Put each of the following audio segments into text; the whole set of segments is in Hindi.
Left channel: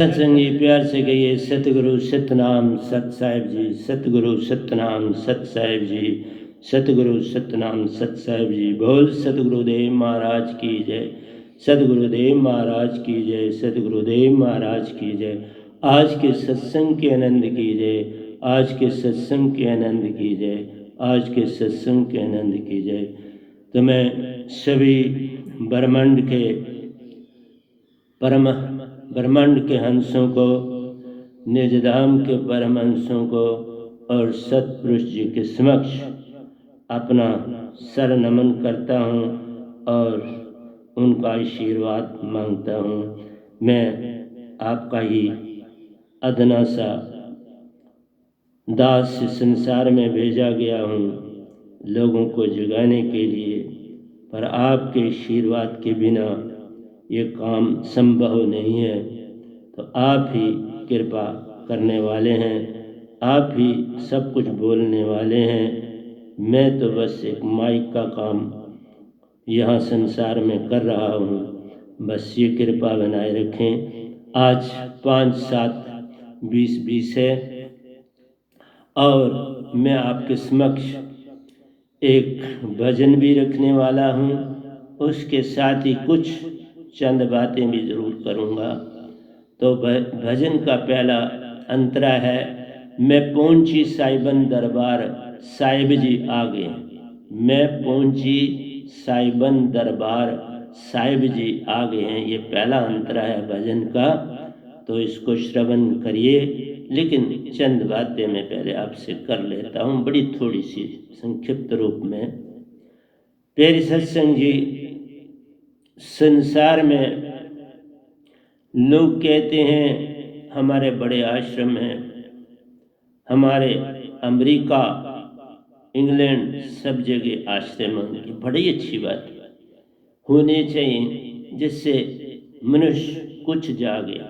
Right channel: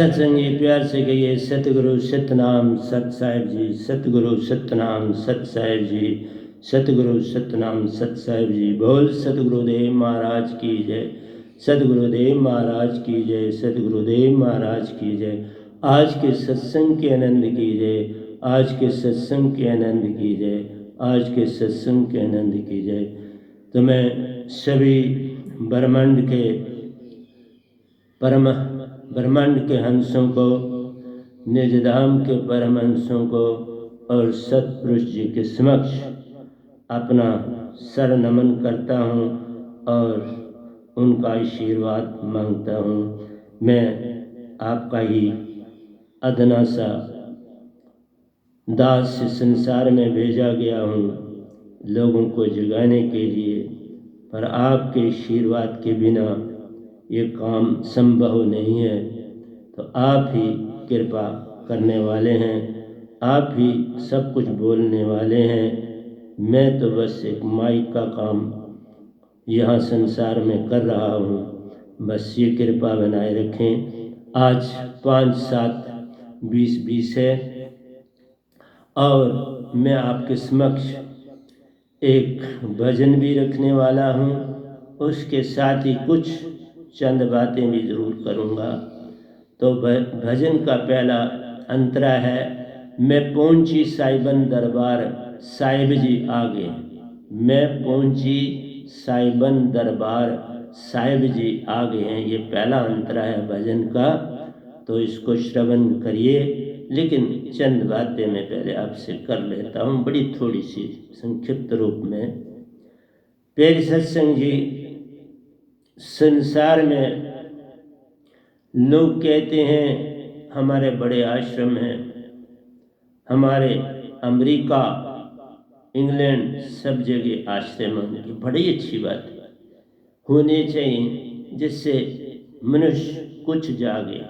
सत्संगी प्यार से कहिए सतगुरु सतनाम सत साहिब जी, सतगुरु सतनाम सत साहिब जी, सतगुरु सतनाम सत साहिब जी। बोल सतगुरुदेव महाराज की जय, सतगुरुदेव महाराज की जय, सतगुरुदेव महाराज की जय। आज के सत्संग के आनंद की जय, आज के सत्संग के आनंद की जय, आज के सत्संग के आनंद की जय। तो मैं सभी ब्रह्मांड के ब्रह्मांड के हंसों को, निजधाम के परमहंसों को और सतपुरुष जी के समक्ष अपना सर नमन करता हूँ और उनका आशीर्वाद मांगता हूँ। मैं आपका ही अदना सा दास संसार में भेजा गया हूँ लोगों को जगाने के लिए, पर आपके आशीर्वाद के बिना ये काम संभव नहीं है। तो आप ही कृपा करने वाले हैं, आप ही सब कुछ बोलने वाले हैं। मैं तो बस एक माइक का काम यहाँ संसार में कर रहा हूँ। बस ये कृपा बनाए रखें। आज 5-7-20-20 है और मैं आपके समक्ष एक भजन भी रखने वाला हूँ, उसके साथ ही कुछ चंद बातें भी ज़रूर करूँगा। तो भजन का पहला अंतरा है, मैं पहुँची साहिबन दरबार साहिब जी आ गए। मैं पहुँची साहिबन दरबार साहिब जी आ गए हैं, ये पहला अंतरा है भजन का। तो इसको श्रवण करिए, लेकिन चंद बातें मैं पहले आपसे कर लेता हूँ, बड़ी थोड़ी सी संक्षिप्त रूप में। प्यारे सत्संग जी, संसार में लोग कहते हैं हमारे बड़े आश्रम हैं, हमारे अमेरिका, इंग्लैंड सब जगह आश्रम होंगे। बड़ी अच्छी बात होनी चाहिए, जिससे मनुष्य कुछ जागे।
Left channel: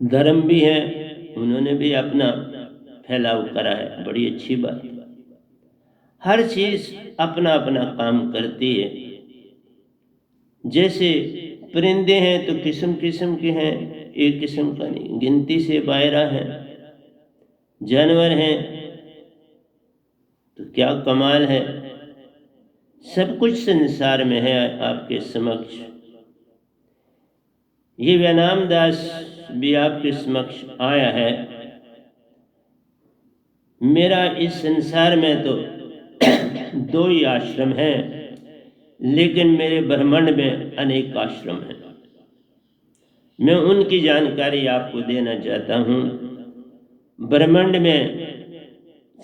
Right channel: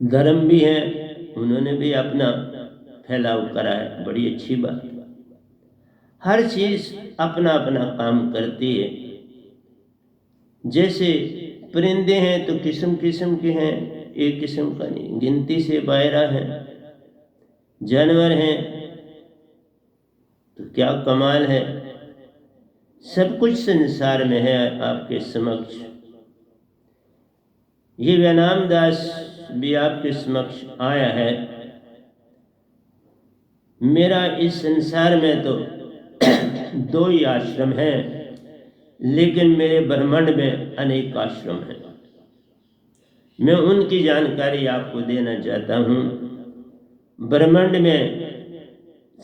धर्म भी है, उन्होंने भी अपना फैलाव करा है, बड़ी अच्छी बात। हर चीज़ अपना अपना काम करती है। जैसे परिंदे हैं तो किस्म किस्म के हैं, एक किस्म का नहीं, गिनती से बाहर हैं। जानवर हैं तो क्या कमाल है, सब कुछ संसार में है आपके समक्ष। ये व्यानाम दास भी आपके समक्ष आया है। मेरा इस संसार में तो 2 ही आश्रम हैं, लेकिन मेरे ब्रह्मांड में अनेक आश्रम हैं। मैं उनकी जानकारी आपको देना चाहता हूँ। ब्रह्मांड में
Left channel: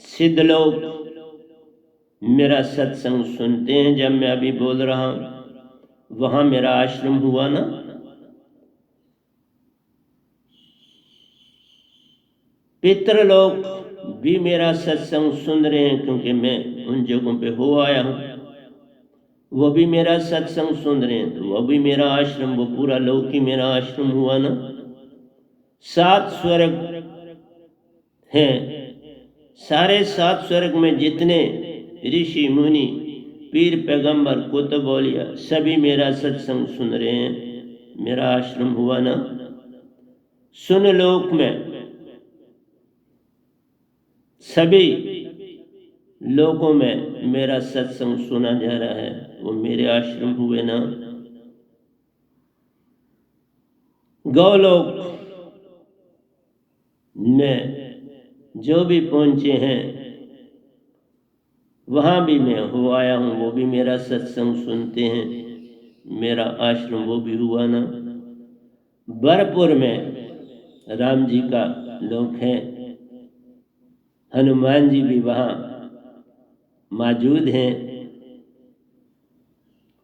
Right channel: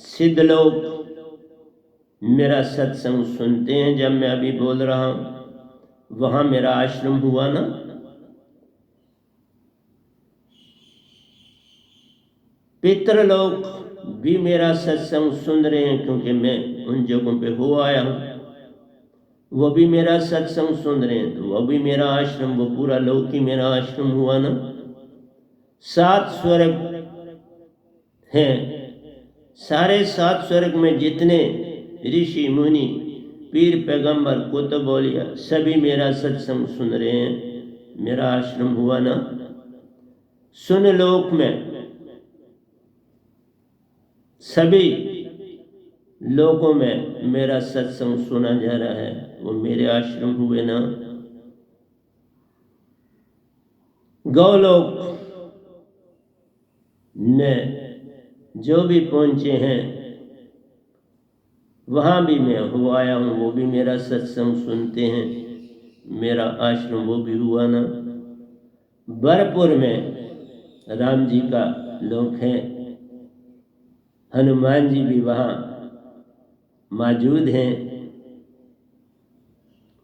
सिद्ध लोग मेरा सत्संग सुनते हैं। जब मैं अभी बोल रहा हूँ, वहाँ मेरा आश्रम हुआ ना। पितृ लोग भी मेरा सत्संग सुन रहे हैं, क्योंकि मैं उन जगहों पे हो आया हूँ। वो भी मेरा सत्संग सुन रहे हैं, तो वो भी मेरा आश्रम, वो पूरा लोक ही मेरा आश्रम हुआ ना। 7 स्वर्ग हैं, सारे 7 स्वर्ग में जितने ऋषि मुनि पीर पैगंबर कुतुब औलिया सभी मेरा सत्संग सुन रहे हैं, मेरा आश्रम हुआ ना। सुन लोक में सभी लोगों में मेरा सत्संग सुना जा रहा है, वो मेरे आश्रम हुए ना। गौलोक में जो भी पहुंचे हैं, वहाँ भी मैं हो आया हूँ, वो भी मेरा सत्संग सुनते हैं, मेरा आश्रम वो भी हुआ ना। बरपुर में राम जी का लोक है, हनुमान जी भी वहाँ मौजूद हैं।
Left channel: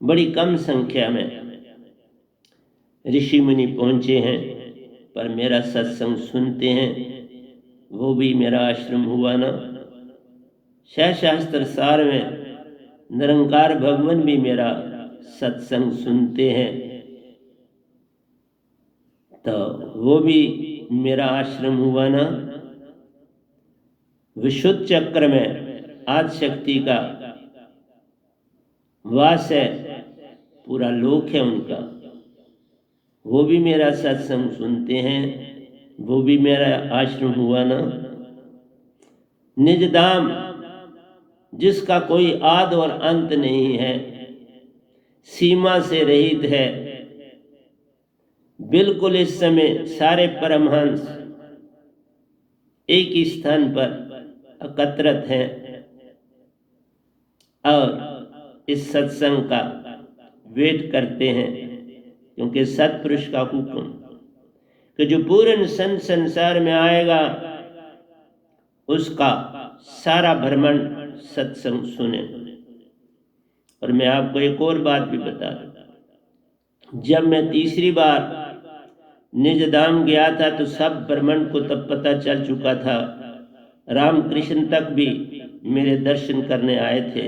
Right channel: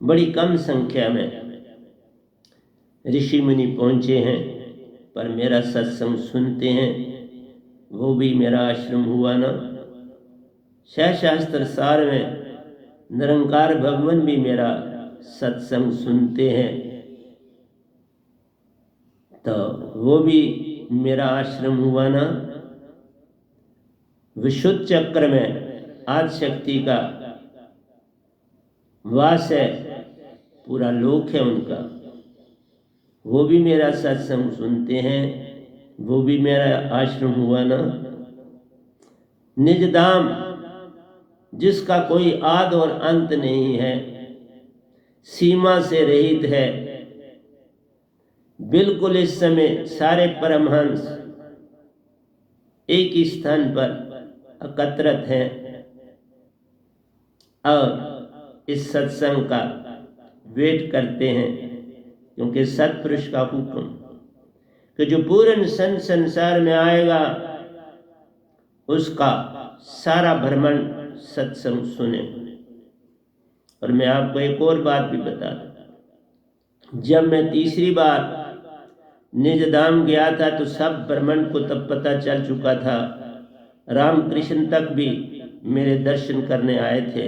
बड़ी कम संख्या में ऋषि मुनि पहुँचे हैं, पर मेरा सत्संग सुनते हैं, वो भी मेरा आश्रम हुआ ना। शास्त्र सार में निरंकार भगवान भी मेरा सत्संग सुनते हैं, तो वो भी मेरा आश्रम हुआ ना। विशुद्ध चक्र में आदि शक्ति का वास है, पूरा लोक है उनका। वो भी मेरा सत्संग सुनते हैं, वो भी मेरा आश्रम हुआ ना। निज धाम जिसका कोई आद और अंत नहीं है, सीमा से रहित है, बिल्कुल इस समय सारे परमहंस एक ही स्थान पर एकत्रित हैं और इस सत्संग का वेट करते हैं, क्योंकि सत्पुरुष का हुक्म कि जो पूर्ण संसार में आएगा उसका सारा भ्रमण सत्संग सुने। और मैं आपको एक और बात भी बता दूं, जब मैं तीसरी बार निज धाम गया था तो सब ब्रह्मांड को तब पता चल चुका था। रामकृष्ण तक भी मेरे दर्शन करने आए थे।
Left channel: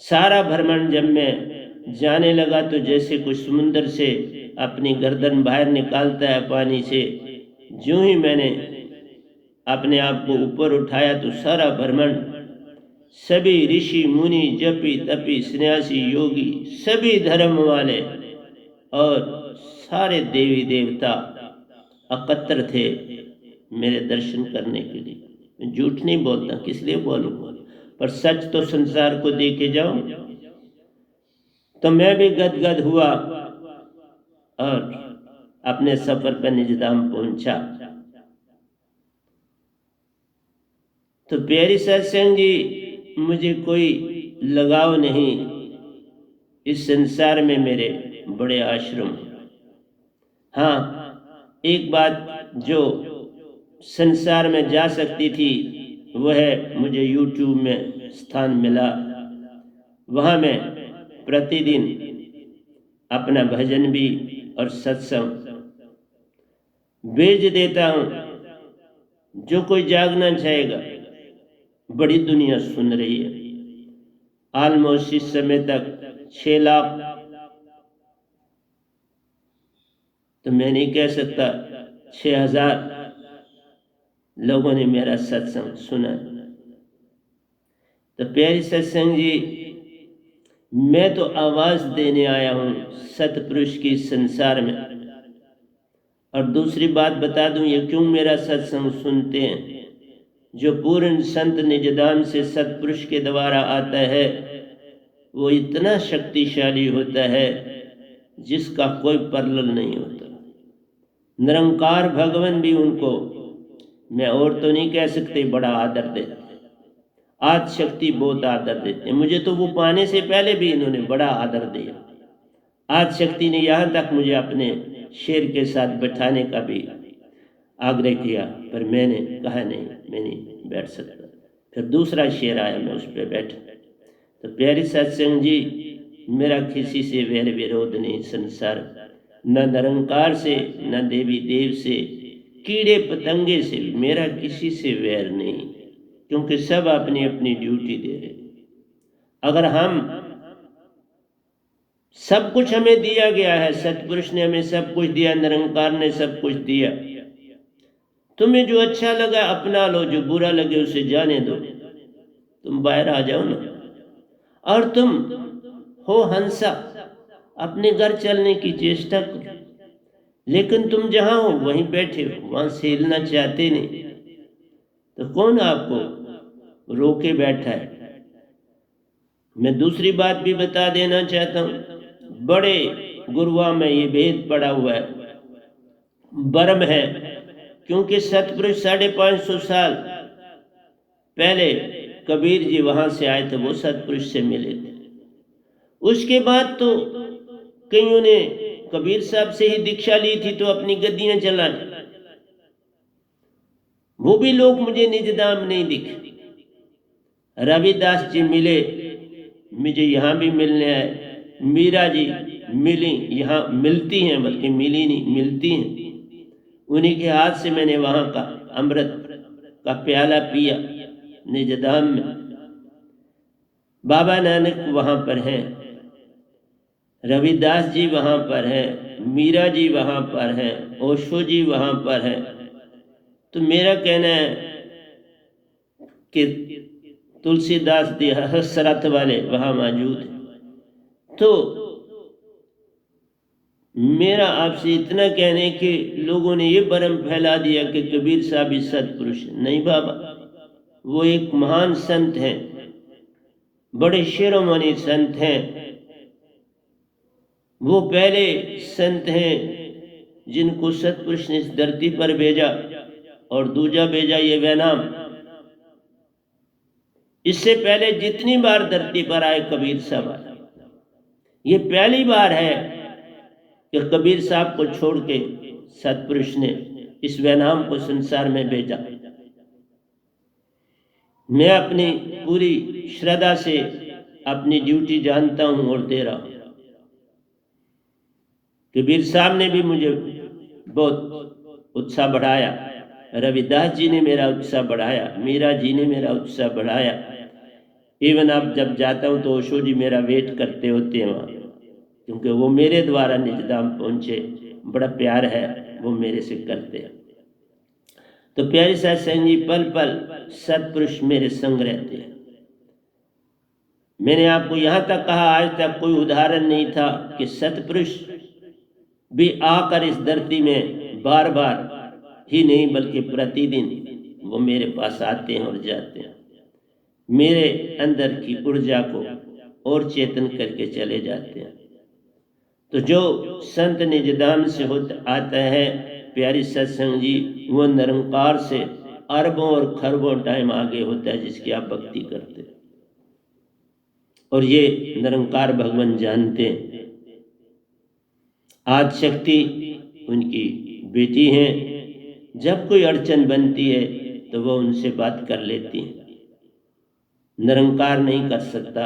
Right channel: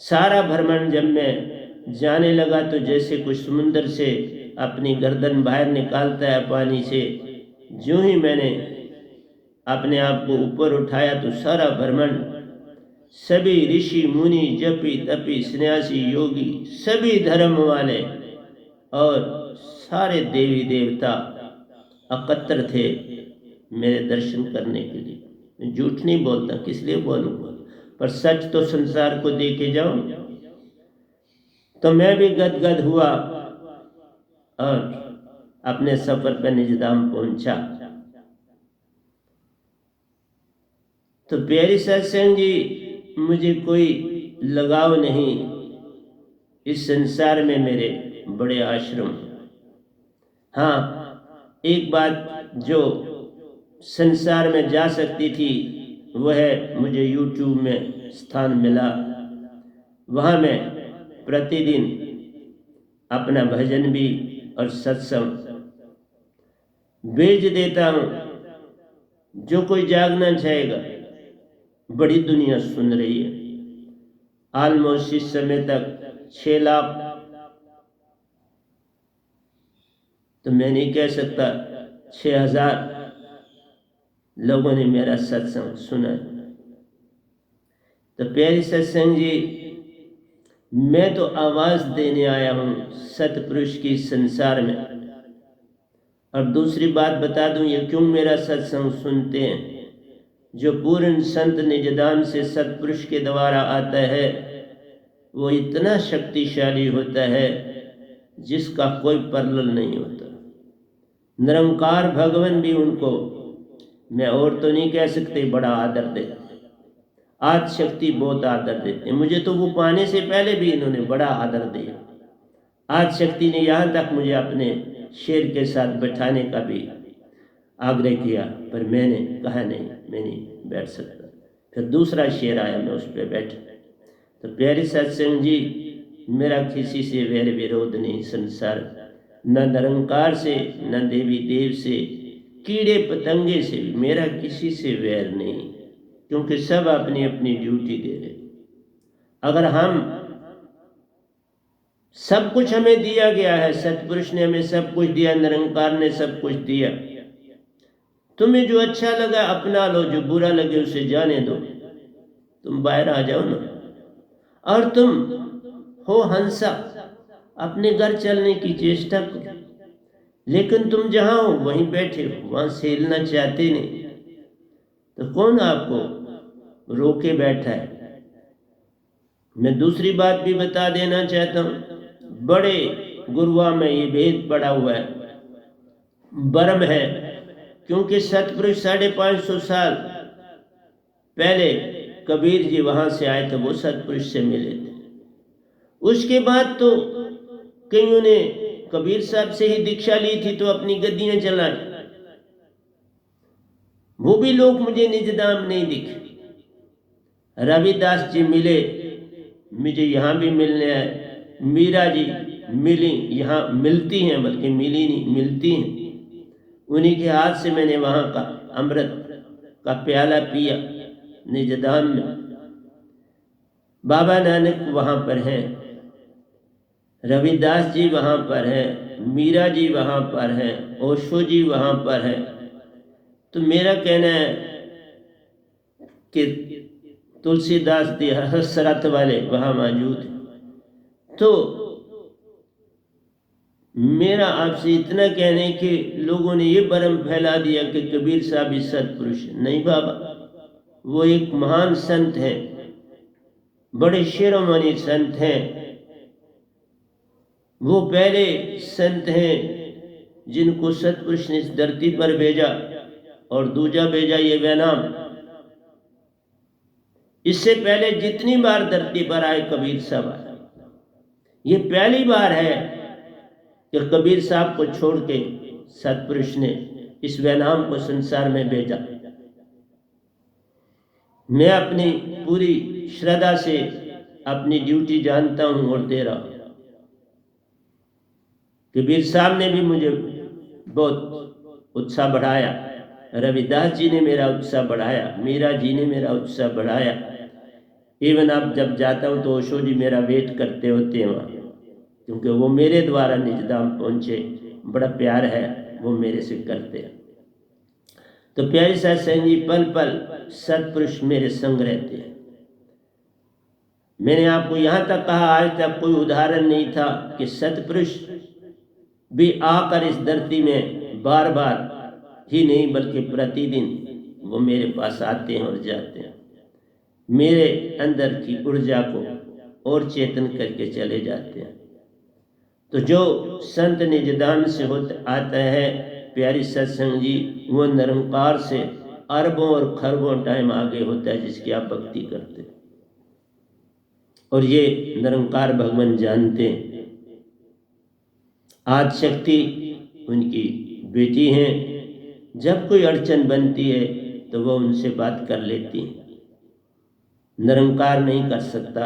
सारा ब्रह्मांड जब मैं जाने लगा तो जैसे कोई समुद्र से अपनी गर्दन बाहर निकालता है पानी से, जो ही मैंने अपने आप को ऊपर उठाया तो सारा ब्रह्मांड, सभी ऋषि मुनि जपी तपी सन्यासी योगी सभी धर्म वाले और सारे देवी देवता एकत्र थे मेरे दर्शन करने के लिए। मैं झूठ नहीं बोलता, किस लिए बोलूँगा, पर सच तो संसार को दे के जाऊं। तो मैं भी गदगद हुआ और अपने सफर पर निज धाम पहुंचा। तो प्यारी सत्संग जी, मुझे कोई लगाव नहीं, इस संसार में मेरे बड़े आश्रम। हाँ, एक बात जो संसार में जा सकती थी वह है, मुझे YouTube में स्थान मिला, वहाँ मैं प्रतिदिन अपना भजन भी और सत्संग भेज देता हूँ। जो कोई जागना चाहेगा, बड़ी दुनिया सुन रही है। ऑलमोस्ट इस समय तक 6 लाख, तो मैं नहीं कह सकता, 6,000 लोगों ने मेरा सत्संग सुना। तो प्यारी सत्संग जी, मैं तो आवाज देने आया हूँ सतपुरुष की संसार में। और दूसरी बात बता दूं, ये क्यों मेरा सत्संग सुनते हैं, जो पूर्ण संत निज धाम से सतपुरुष के द्वारा आता है वो इतना शक्तिशाली होता है जिसका कोई परलल नहीं होता। निरंकार भगवान भी उनको, मैं और तो नहीं कह सकते, बड़ा आदर देते। आज शक्ति बहुत आदर देते। मुझे तो वो पाने से पहले भी इन्होंने बड़ा आदर दिया। आज शक्ति ने यहाँ तक मुझे अपने शेर के साथ बैठाने का भी आग्रह किया, पर मैंने कहा नहीं, मैं नहीं बैठ सकता। फिर दूसरा शेर आया, मैं उस पर बैठा। तो प्यारी सत्संग जी, मेरा किसी से वैर विरोध नहीं संसार, न निरंकार से, न देवी देव से, कीड़े पतंगे से भी मेरा किसी से वैर नहीं, क्योंकि सब अपनी अपनी ड्यूटी दे रहे। अगर हम, सब कुछ हमें दिया गया है, सतपुरुष ने हमें सब कुछ दिया, निरंकार ने सब कुछ दिया। तुम्हें जो अच्छा लगा अपना लो, जो बुरा लगे उसे जाने दो, तुम बाहर आ जाओ ना। और तुम हो हंसा, अपने घर चलने की चेष्टा करो, लेकिन तुम जहां हो वहीं बैठे हो, वहां से हिलना चाहते नहीं, तो कौन आपको रोके बैठा है। मैं दूसरी बात भी बता देना चाहता हूं, बड़े गुरुआ में ये भेद पड़ा हुआ है, बर्म है, क्योंकि सतपुरुष 550 साल पहले कबीर जी वहां से आए थे, वो सतपुरुष से मिले थे। उसके बाद तो कईयों ने कबीर साहब से ही दीक्षा ली थी तो अपनी गद्दियां चलाई, वो भी लोग मुझे निज धाम नहीं दिखे। रविदास जी मिले, मुझे यहाँ भी मिलने आए। मीरा जी मिली, यहाँ मिलती हैं, बल्कि मिली नहीं, मिलती हैं। उन्हीं के हाथ से मैंने वहाँ का अमृत का प्याला पिया निज धाम में। बाबा नानक वहाँ पर हैं, रविदास जी वहाँ पर हैं, मीरा जी वहाँ पर हैं, ओशो जी वहाँ पर हैं। तो मेरा कहना है कि तुलसीदास जी हसरत वाले वहाँ मौजूद हैं। तो मेरा आपसे इतना कहने कि लोगों ने ये भ्रम फैला दिया कि कबीर साहब ही सत्पुरुष हैं। नहीं बाबा, वो एक महान संत हैं, बड़े शिरोमणि संत हैं। वो पहले संत हैं जिनको सत्पुरुष ने इस धरती पर भेजा, और दूजा भेजा ये वैनाम। इससे पहले जितनी बार धरती पर आए कबीर साहब आए, ये पहली बार है कि कबीर साहब को छोड़ के सत्पुरुष ने इस वैनाम को संसार में भेजा। मैं अपनी पूरी श्रद्धा से अपनी ड्यूटी जानता हूं और दे रहा हूं। कबीर साहब ने भी मुझे बहुत उत्साह बढ़ाया, रविदास जी ने मेरा उत्साह बढ़ाया, मीरा जी ने मेरा उत्साह बढ़ाया। इवन अब जब जाता हूँ तो ओशो जी मेरा वेट करते होते हैं वहाँ, क्योंकि वो मेरे द्वारा निजधाम पहुँचे। बड़ा प्यार है वो मेरे से करते हैं। तो प्यारी सत्संग जी, पल पल सत्पुरुष मेरे संग रहते हैं। मैंने आपको यहाँ तक कहा, आज तक कोई उदाहरण नहीं था कि सत्पुरुष भी आकर इस धरती में बार बार ही नहीं बल्कि प्रतिदिन वो मेरे पास आते हैं और जाते हैं, मेरे अंदर की ऊर्जा को और चेतन करके चले जाते हैं। तो जो संत निजधाम से आता है प्यारी सत्संग जी, वो निरंकार से अरबों और खरबों टाइम आगे होता है जिसकी आप भक्ति करते हैं। और ये निरंकार भगवान जानते हैं। आज शक्ति उनकी बेटी हैं, जब कोई अड़चन बनती है तो वो उनसे बात कर लेती हैं। निरंकार नहीं कर सकता,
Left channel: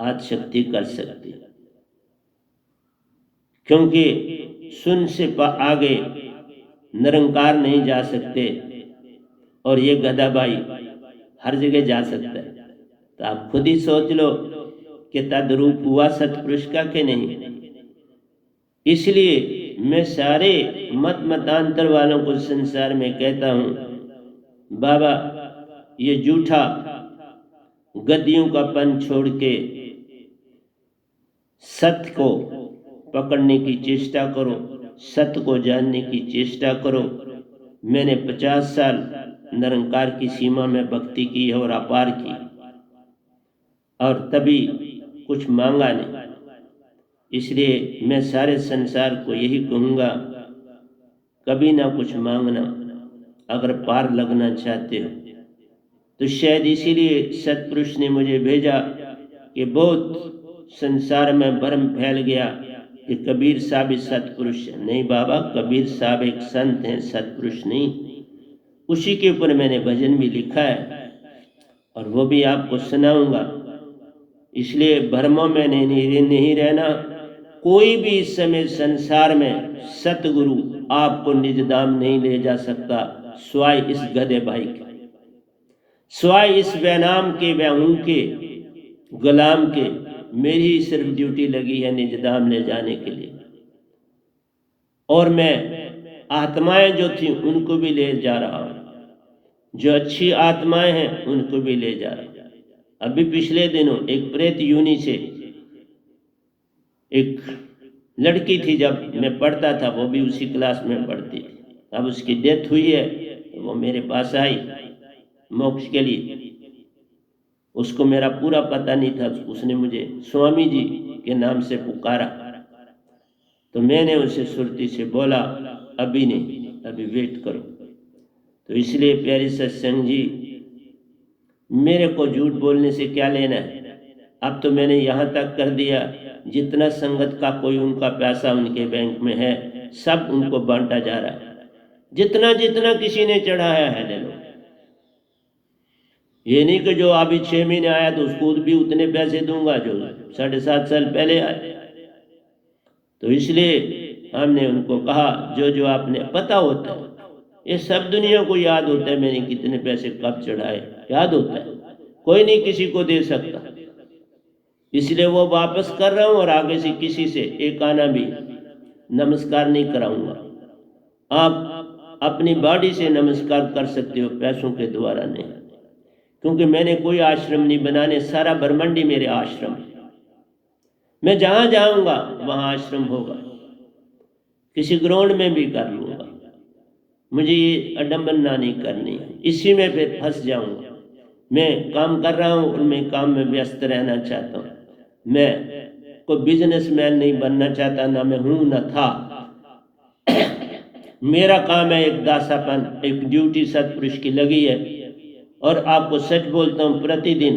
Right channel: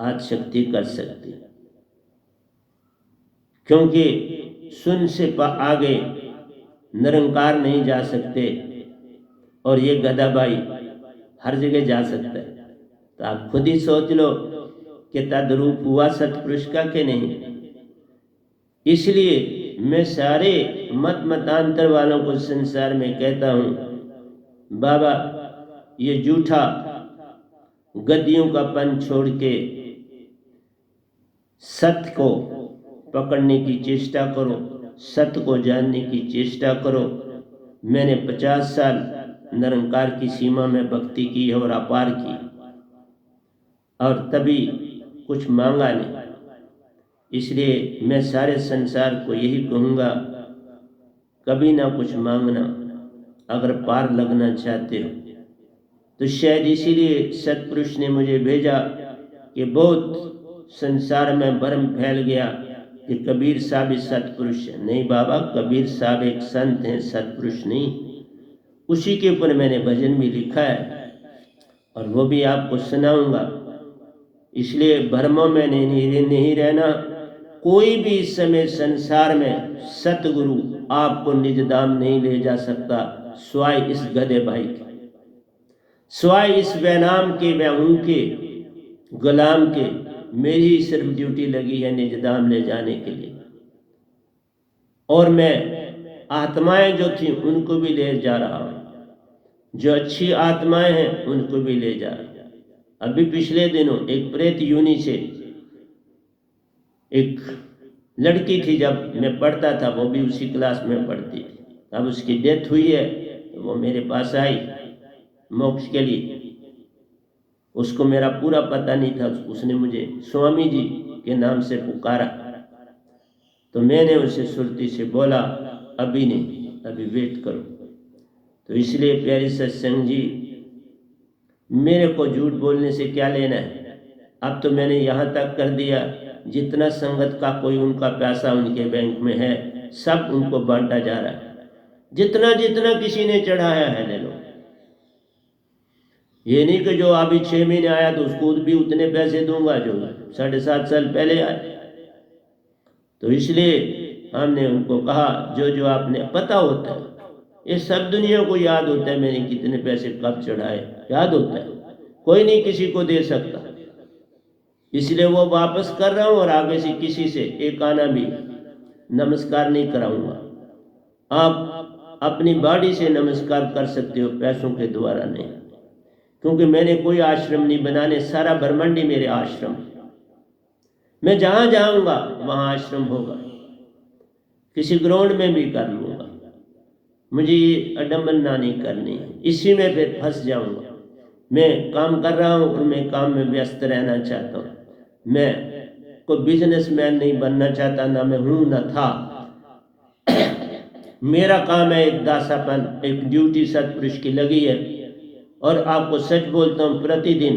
आज शक्ति कर सकती, क्योंकि सुन से आगे निरंकार नहीं जा सकते, और ये गदाबाई हर जगह जा सकता है। तो आप खुद ही सोच लो कि तद्रूप हुआ सतपुरुष का कि नहीं। इसलिए मैं सारे मतांतर वालों को संसार में कहता हूँ, बाबा ये झूठा गद्दियों का पन छोड़ के सत्य को पकड़ने की चेष्टा करो, सत्य को जानने की चेष्टा करो। मैंने 50 साल निरंकार की सीमा में भक्ति की है और अपार की, और तभी कुछ मांगा नहीं। इसलिए मैं सारे संसार को यही कहूँगा, कभी ना कुछ मांगना अगर पार लगना चाहते हो। तो शायद इसीलिए सतपुरुष ने मुझे भेजा कि बहुत संसार में भ्रम फैल गया कि कबीर साहब सतपुरुष है। नहीं बाबा, कबीर साहब एक संत हैं, सतपुरुष नहीं। उसी के ऊपर मैंने भजन भी लिखा है और वो भी आपको सुनाऊंगा। इसलिए भ्रमों में नहीं रहना। कोई भी इस समय संसार में सतगुरु आपको निजधाम नहीं ले जा सकता, स्वाय इस गधे भाई के, स्वाय इस वैनाम के, व उनके गुलाम के। मेरी ही सिर्फ ड्यूटी लगी है निजधाम ले जाने के लिए, और मैं आत्माएं जो थी उनको भी ले जा रहा हूँ। जो अच्छी आत्माएं हैं उनको भी ले जा रहा हूँ। अभी पिछले दिनों एक प्रेत यूनि से एक लड़की थी, जब मैं पढ़ता था वो भी उसी क्लास में पढ़ती थी। अब उसकी डेथ हुई है तो वो मेरे पास आई मोक्ष के लिए। उसको मेरा पूरा पता नहीं था, उसने मुझे स्वामी जी के नाम से पुकारा। तो मैंने उसे सुरती से बोला, अभी नहीं, अभी वेट करो। तो इसलिए प्यारी सत्संग जी, मेरे को झूठ बोलने से क्या लेना है। अब तो मैंने यहाँ तक कर दिया, जितना संगत का कोई उनका पैसा उनके बैंक में है सब उनको बांटा जा रहा है। जितना जितना किसी ने चढ़ाया है ले लो। ये नहीं कि जो अभी 6 महीने आया तो उसको भी उतने पैसे दूंगा जो 7.5 साल पहले आए। तो इसलिए हमने उनको कहा, जो जो आपने पता होता है, ये सब दुनिया को याद होता है मैंने कितने पैसे कब चढ़ाए, याद होता है। कोई नहीं किसी को दे सकता, इसलिए वो वापस कर रहा हूँ। और आगे से किसी से एक आना भी नमस्कार नहीं कराऊंगा। आप अपनी बॉडी से नमस्कार कर सकते हो, पैसों के द्वारा नहीं, क्योंकि मैंने कोई आश्रम नहीं बनाने, सारा ब्रह्मांड ही मेरे आश्रम। मैं जहाँ जाऊँगा वहाँ आश्रम होगा। किसी ग्राउंड में भी कर लूँगा, मुझे ये अडम्बना नहीं करनी है, इसी में फिर फंस जाऊँगा। मैं काम कर रहा हूँ और मैं काम में व्यस्त रहना चाहता हूँ, मैं कोई बिजनेसमैन नहीं बनना चाहता, ना मैं हूँ ना था। मेरा काम है एक दासापन, एक ड्यूटी सत्पुरुष की लगी है। और आपको सच बोलता हूँ, प्रतिदिन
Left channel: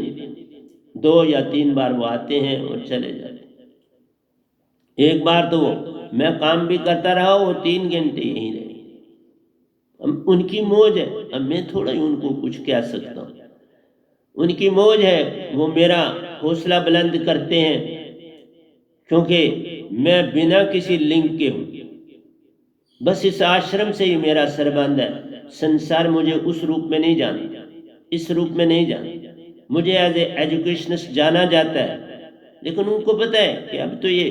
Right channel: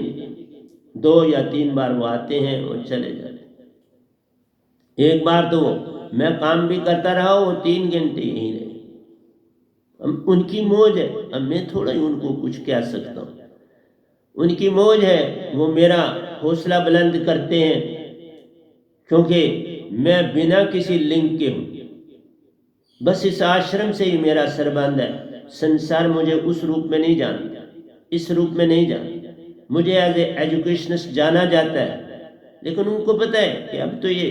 2 या 3 बार वो आते हैं और चले जाते हैं। एक बार तो मैं काम भी करता रहा, वो 3 घंटे यहीं रहे। अब उनकी मौज है, अब मैं थोड़ा ही उनको कुछ कह सकता हूँ। उनकी मौज है, वो मेरा हौसला बुलंद करते हैं, क्योंकि मैं बिना किसी लिंक के हूँ। बस इस आश्रम से ही मेरा सरबंध है। संसार मुझे उस रूप में नहीं जानता, इस रूप में नहीं जानता। मुझे एज ए एजुकेशनिस्ट जाना जाता है, लेकिन उनको पता है कि अब तो ये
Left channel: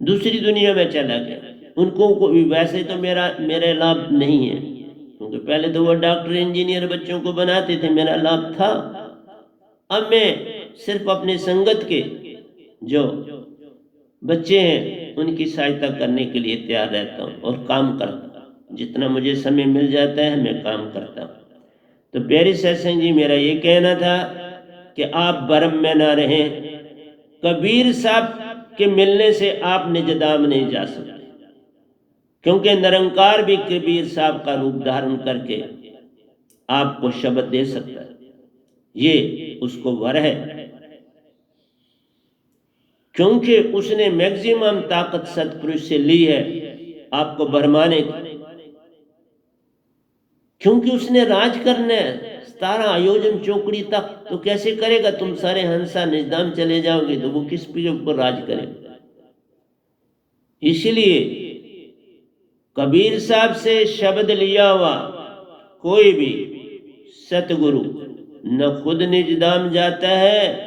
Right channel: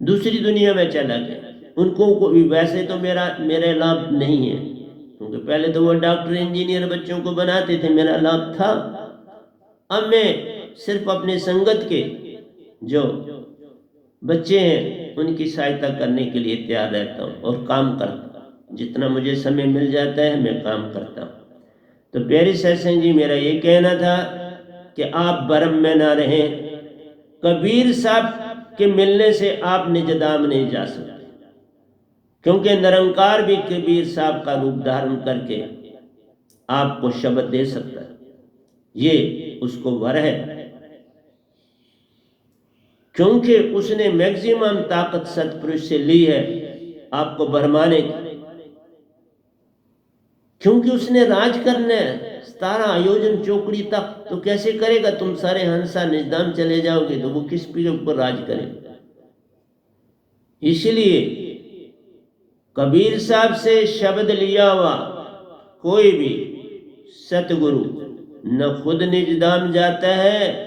दूसरी दुनिया में चला गया। उनको वैसे तो मेरा लाभ नहीं है, क्योंकि पहले तो वो डॉक्टर इंजीनियर बच्चों को बनाते थे, मेरा लाभ था। अब मैं सिर्फ अपने संगत के जो बच्चे हैं उनकी सहायता करने के लिए तैयार रहता हूँ और काम करता हूँ। जितना मुझे समय मिल जाता है मैं काम करता हूँ। तो प्यारे सत्संग जी, मेरा ये कहना था कि आप भरम में ना रहें। कबीर साहब के मिलने से आप निजधाम नहीं जा सकते, क्योंकि निरंकार भी कबीर साहब का रूप धारण करके आपको शब्द दे सकता है। ये उसको वर है, क्योंकि उसने मैक्सिमम ताकत सतपुरुष से ली है आपको भरमाने की। क्योंकि उसने राज करना है 17 आयोजन चौकड़ी तक, तो कैसे करेगा? तुम सारे हंसा निजधाम चले जाओगे तो वो किस पे ऊपर राज करेगा? इसलिए कबीर साहब से शब्द लिया हुआ कोई भी सतगुरु न खुद निजधाम जाता है,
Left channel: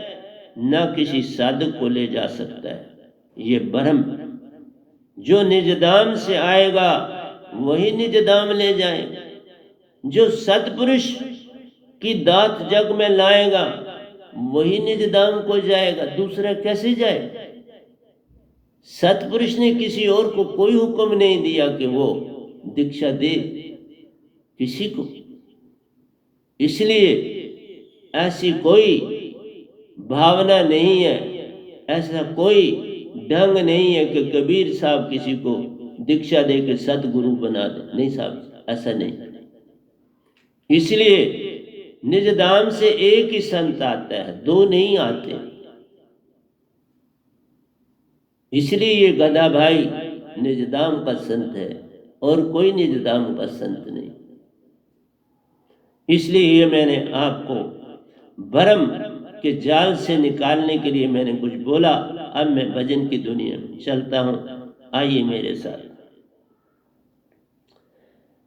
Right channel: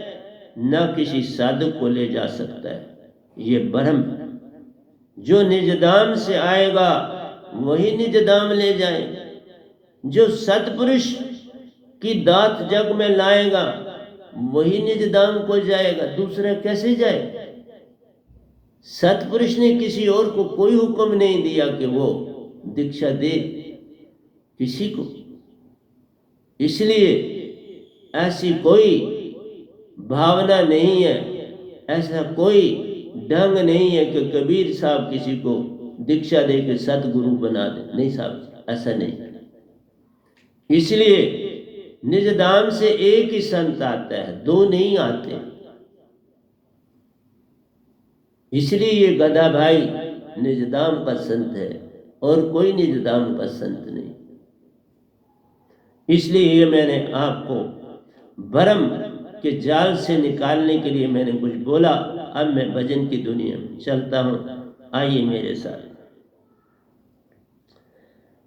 न किसी साधक को ले जा सकता है। ये भ्रम, जो निजधाम से आएगा वही निजधाम ले जाएगा। जो सतपुरुष की दात जग में लाएगा वही निजधाम को जाएगा, दूसरा कैसे जाए? सतपुरुष ने किसी और को कोई हुक्म नहीं दिया कि वो दीक्षा दे किसी को। इसलिए ऐसी कोई भावना नहीं है, ऐसा कोई ढंग नहीं है कि कबीर साहब किसी को दीक्षा दे के सतगुरु बना दे। नहीं साहब, ऐसा नहीं। इसलिए निजधाम से एक ही संत आता है, 2 नहीं आते। इसलिए ये गधा भाई निजधाम का संत है और कोई निजधाम का संत नहीं। इसलिए ये मैंने आपको भ्रम के जाल से निकालने के लिए मैंने कुछ बोला। अब मैं भजन की दुनिया में चलता हूं, आइए मेरे साथ।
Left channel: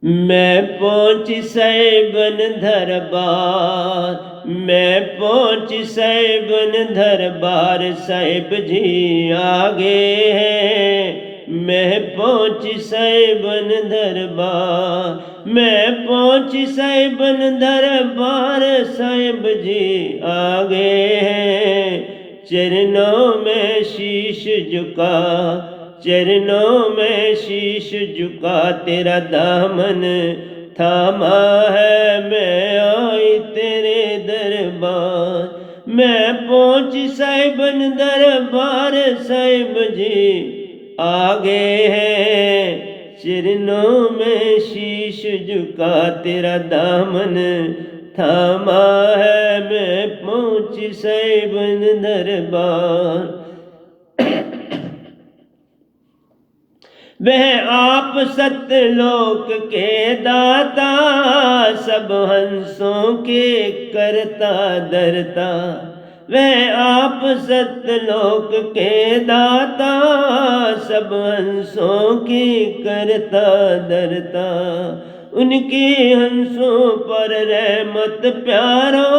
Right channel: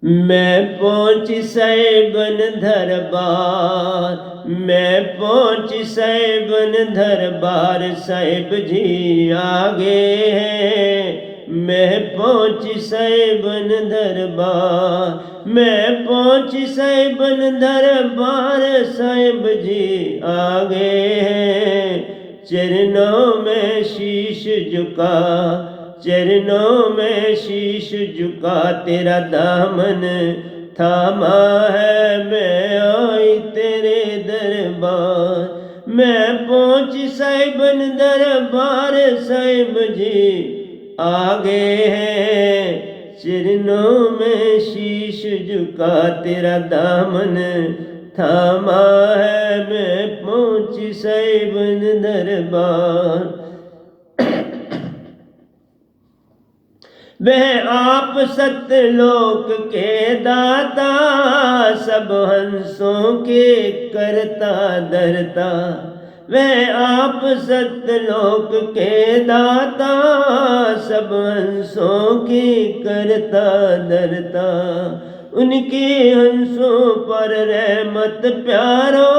मैं पहुंची सैबन दरबार, मैं पहुंची सैबन दरबार, साहिब जी आगे हैं। मैं पहुंची सैबन दरबार, मैं पहुंची सैबन दरबार, साहिब जी आगे हैं। चरणों में शीश झुका, चरणों में शीश झुका, तेरा दामन थामा है, मैं आई तेरे दरबार। मैं पहुंची साहिबन दरबार, साहिब जी आगे हैं। चरणों में शीश झुका, तेरा दामन थामा है, मैं पहुंची साहिबन दरबार। वह आप सत्यलोक के दाता, सब हंसों के करता धरता। वह आप सत्यलोक के दाता, सब हंसों के करता धरता। उनके हंसों पर रहमत प्यारो,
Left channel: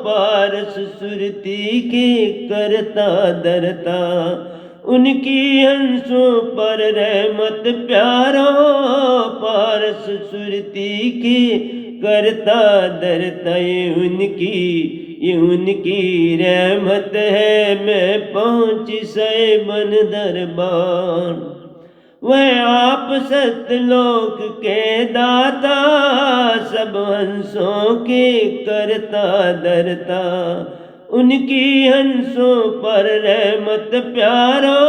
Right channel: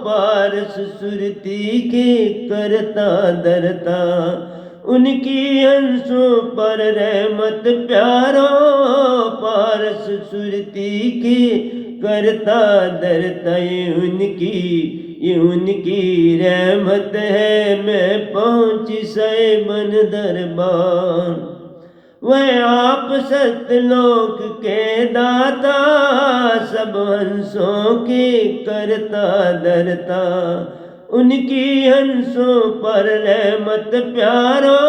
पारस सुरती के करता धरता। उनकी हंसों पर रहमत प्यारो, पारस सुरती की करता धरता। ये उनकी रहमत है, मैं पहुंची सैबन दरबार। वह आप सतलोक के दाता, सब हंसों के करता धरता। उनकी हंसों पर रहमत प्यारो,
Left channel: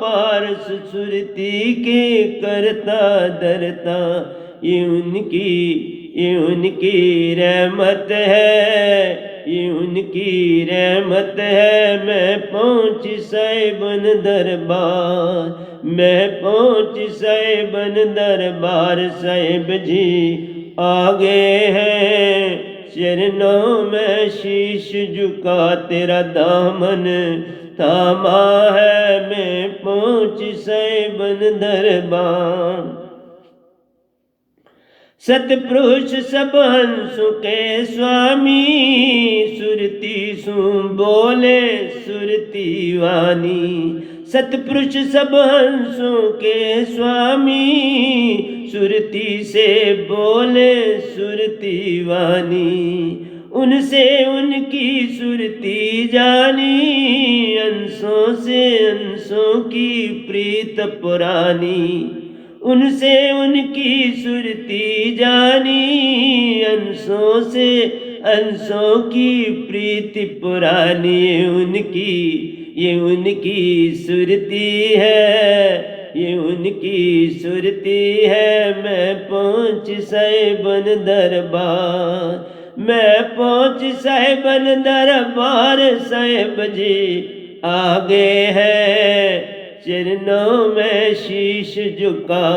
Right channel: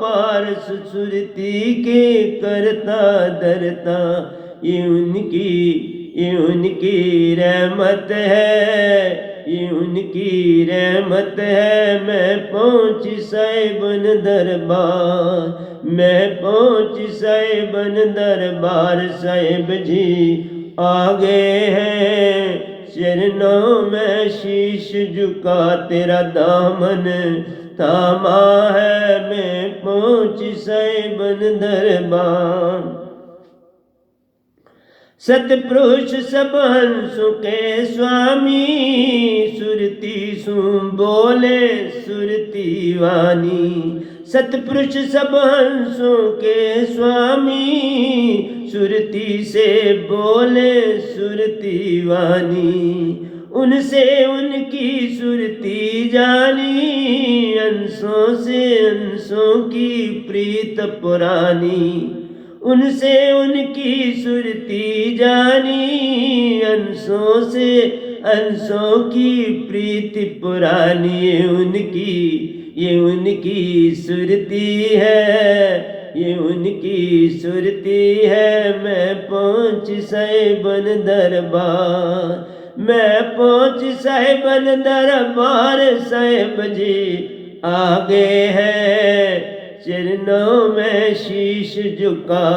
पारस सुरती के करता धरता। ये उनकी रहमत है, ये उनकी रहमत है। मैं पहुँच साहिबन दरबार, मैं पहुँच साहिबन दरबार। साहिब जी आ गए हैं, चरणों में शीश झुका, तेरा दामन थामा है। मैं पहुँच साहिबन दरबार। सतपुरुष सब हंसों के स्वामी, सुरती सु बोले सुरती वाणी। सतपुरुष सब हंसों के स्वामी, सुरती से बोले सुरती वाणी। उनसे उनकी सुरती जानी, अंशों से अंशों की प्रीत पुरानी। उनसे उनकी सुरती जानी, अंशों से अंशों की प्रीति पुरानी। ये उनकी सुरती है, ये उनकी सुरती है। मैं पहुँच साहिबन दरबार, मैं पहुँच साहिबन दरबार। साहिब जी आ गए हैं, चरणों में शीश झुका,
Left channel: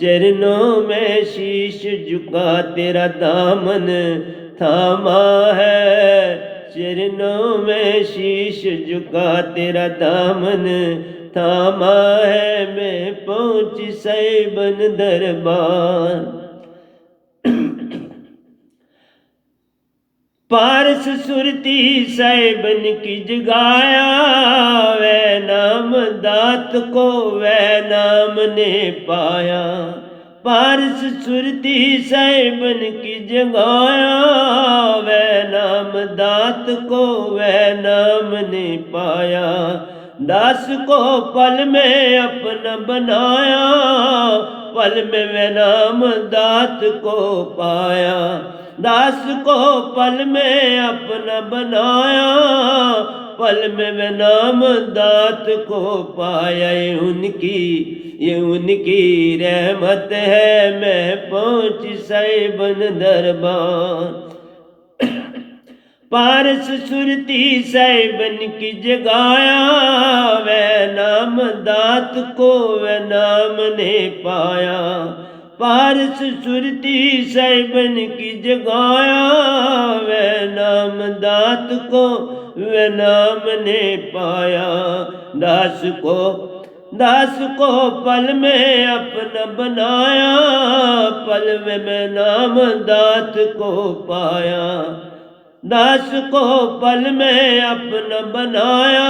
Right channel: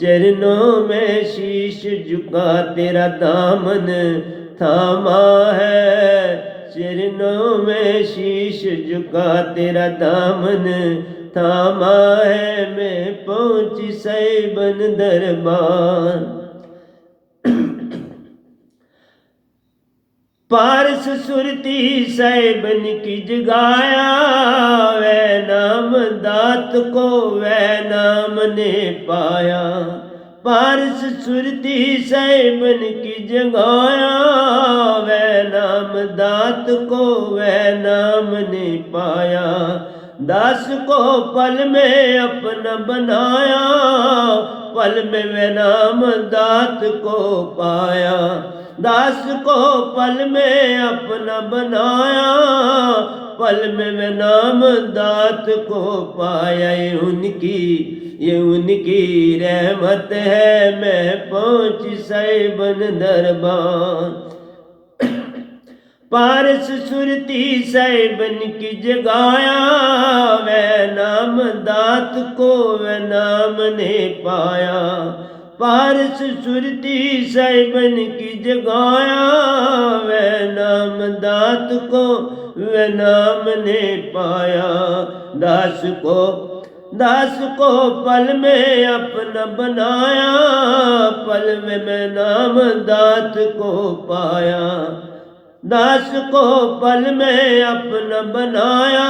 चरणों में शीश झुका। तेरा दामन थामा है, चरणों में शीश झुका। तेरा दामन थामा है। मैं पहुँच साहिबन दरबार। पारस सुरती साहिबन की जगाया, वह नाम दात को वह नाम ने पाया। पारस सुरती साहिबन की जगाया, वह नाम दात को वह नाम ने पाया। दास को पल में अपना बनाया, पल में वह नाम दात को पाया। दास को पल में अपना बनाया, पल में वह नाम दात को पाया। ये उनकी रहमत है। मैं पहुँच साहिबन दरबार। पारस सुरती साहिबन की जगाया, वह नाम दात को वह नाम ने पाया। पारस सुरती साहिबन की जगाया, वह नाम दात को वह नाम ने पाया। दास को पल में अपना बनाया, पल में मैं नाम दात को पाया। दास को पल में अपना बनाया,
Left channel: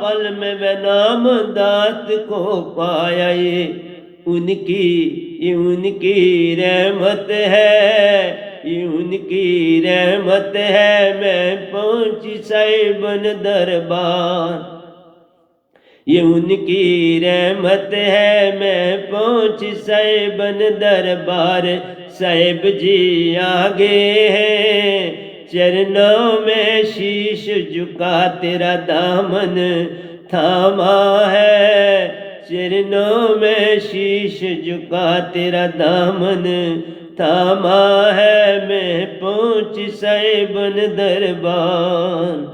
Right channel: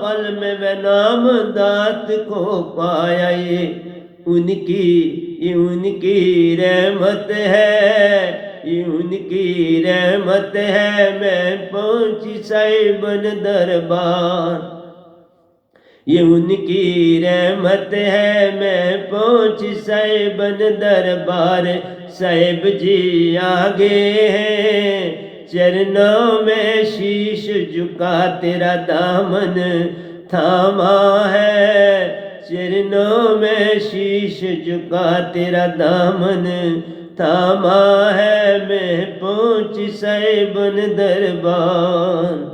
पल में वह नाम दात को पाया। ये उनकी रहमत है, ये उनकी रहमत है। मैं पहुँची साहिबन दरबार। ये उनकी रहमत है। मैं पहुँची साहिबन दरबार। साहिब जी आ गए हैं, चरणों में शीश झुका। तेरा दामन थामा है, चरणों में शीश झुका। तेरा दामन थामा है। मैं पहुँच साहिबन दरबार।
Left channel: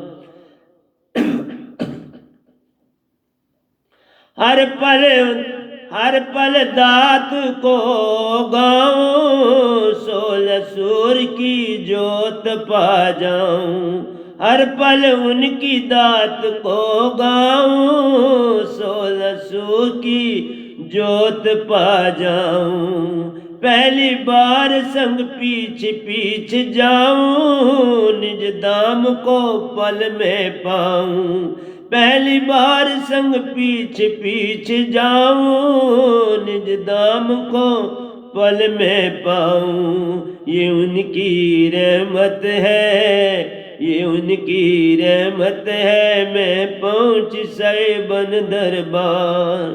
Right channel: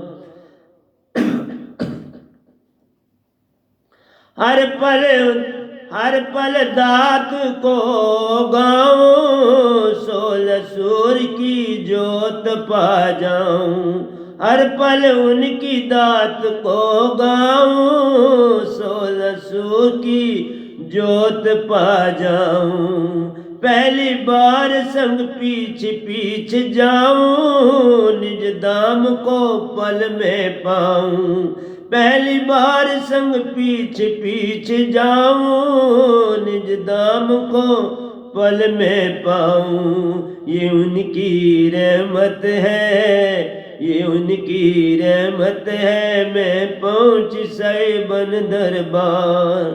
हर पल दात को गाऊं, 16 सूर की जोत पा जाऊं। हर पल उनकी दात को गाऊं, 16 सूर की जोत पा जाऊं। पहली बार संग पीछे जाऊं, निज धाम को पल में पाऊं। पहली बार संग पीछे जाऊं, निज धाम को पल में पाऊं। ये उनकी रहमत है, ये उनकी रहमत है। मैं पहुँच साहिबन दरबार।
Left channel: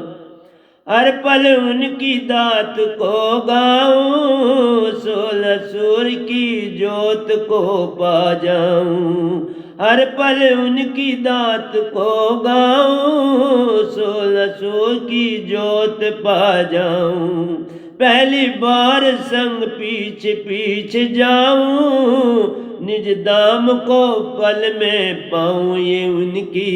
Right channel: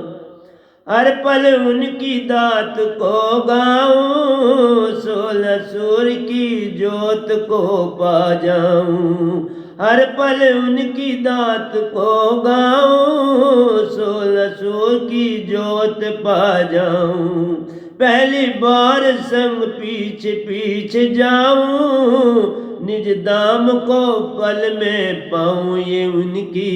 हर पल उनकी दात को गाऊं, 16 सूर की जोत को पा जाऊं। हर पल उनकी दात को गाऊं, 16 सूर की जोत पा जाऊं। पहली बार संग पीछे पीछे जाऊं, निज धाम को पल में पाऊं। ये उनकी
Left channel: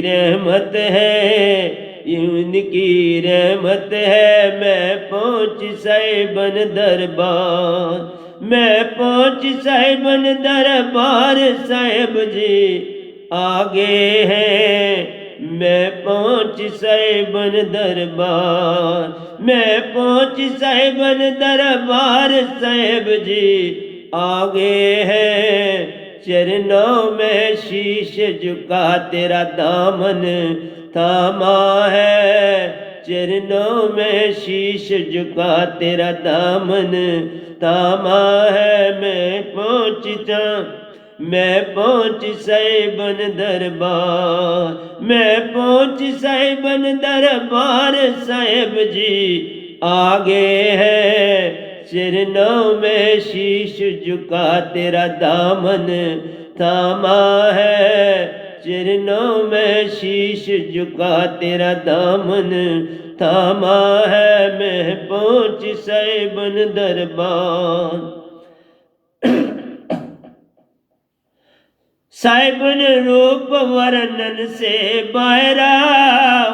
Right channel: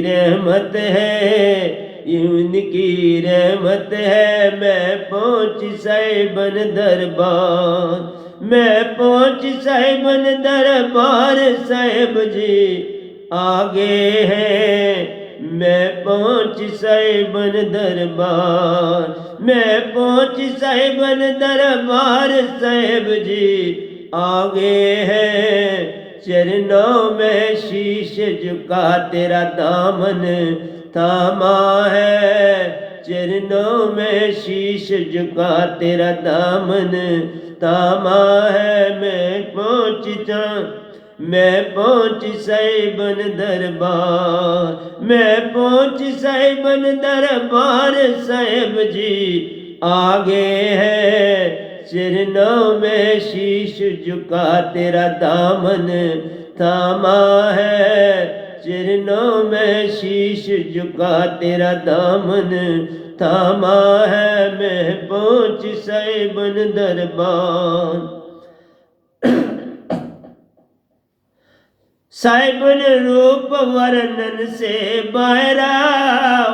रहमत है, ये उनकी रहमत है। मैं पहुँच साहिबन दरबार, मैं पहुँच साहिबन दरबार, साहिब जी आगे हैं। मैं पहुँच साहिबन दरबार, मैं पहुँच साहिबन दरबार, साहिब जी आगे है। चरणों में शीश झुका तेरा दामन थामा है। चरणों में शीश झुका तेरा दामन थामा है। मैं पहुँच साहिबन दरबार, मैं पहुँच साहिबन दरबार, साहिब जी आगे है। चरणों में शीश झुका तेरा दामन थामा है। चरणों में शीश झुका तेरा दामन थामा है। मैं पहुँच साहिबन दरबार। साहिबन रूप वर्णन से बाहरा,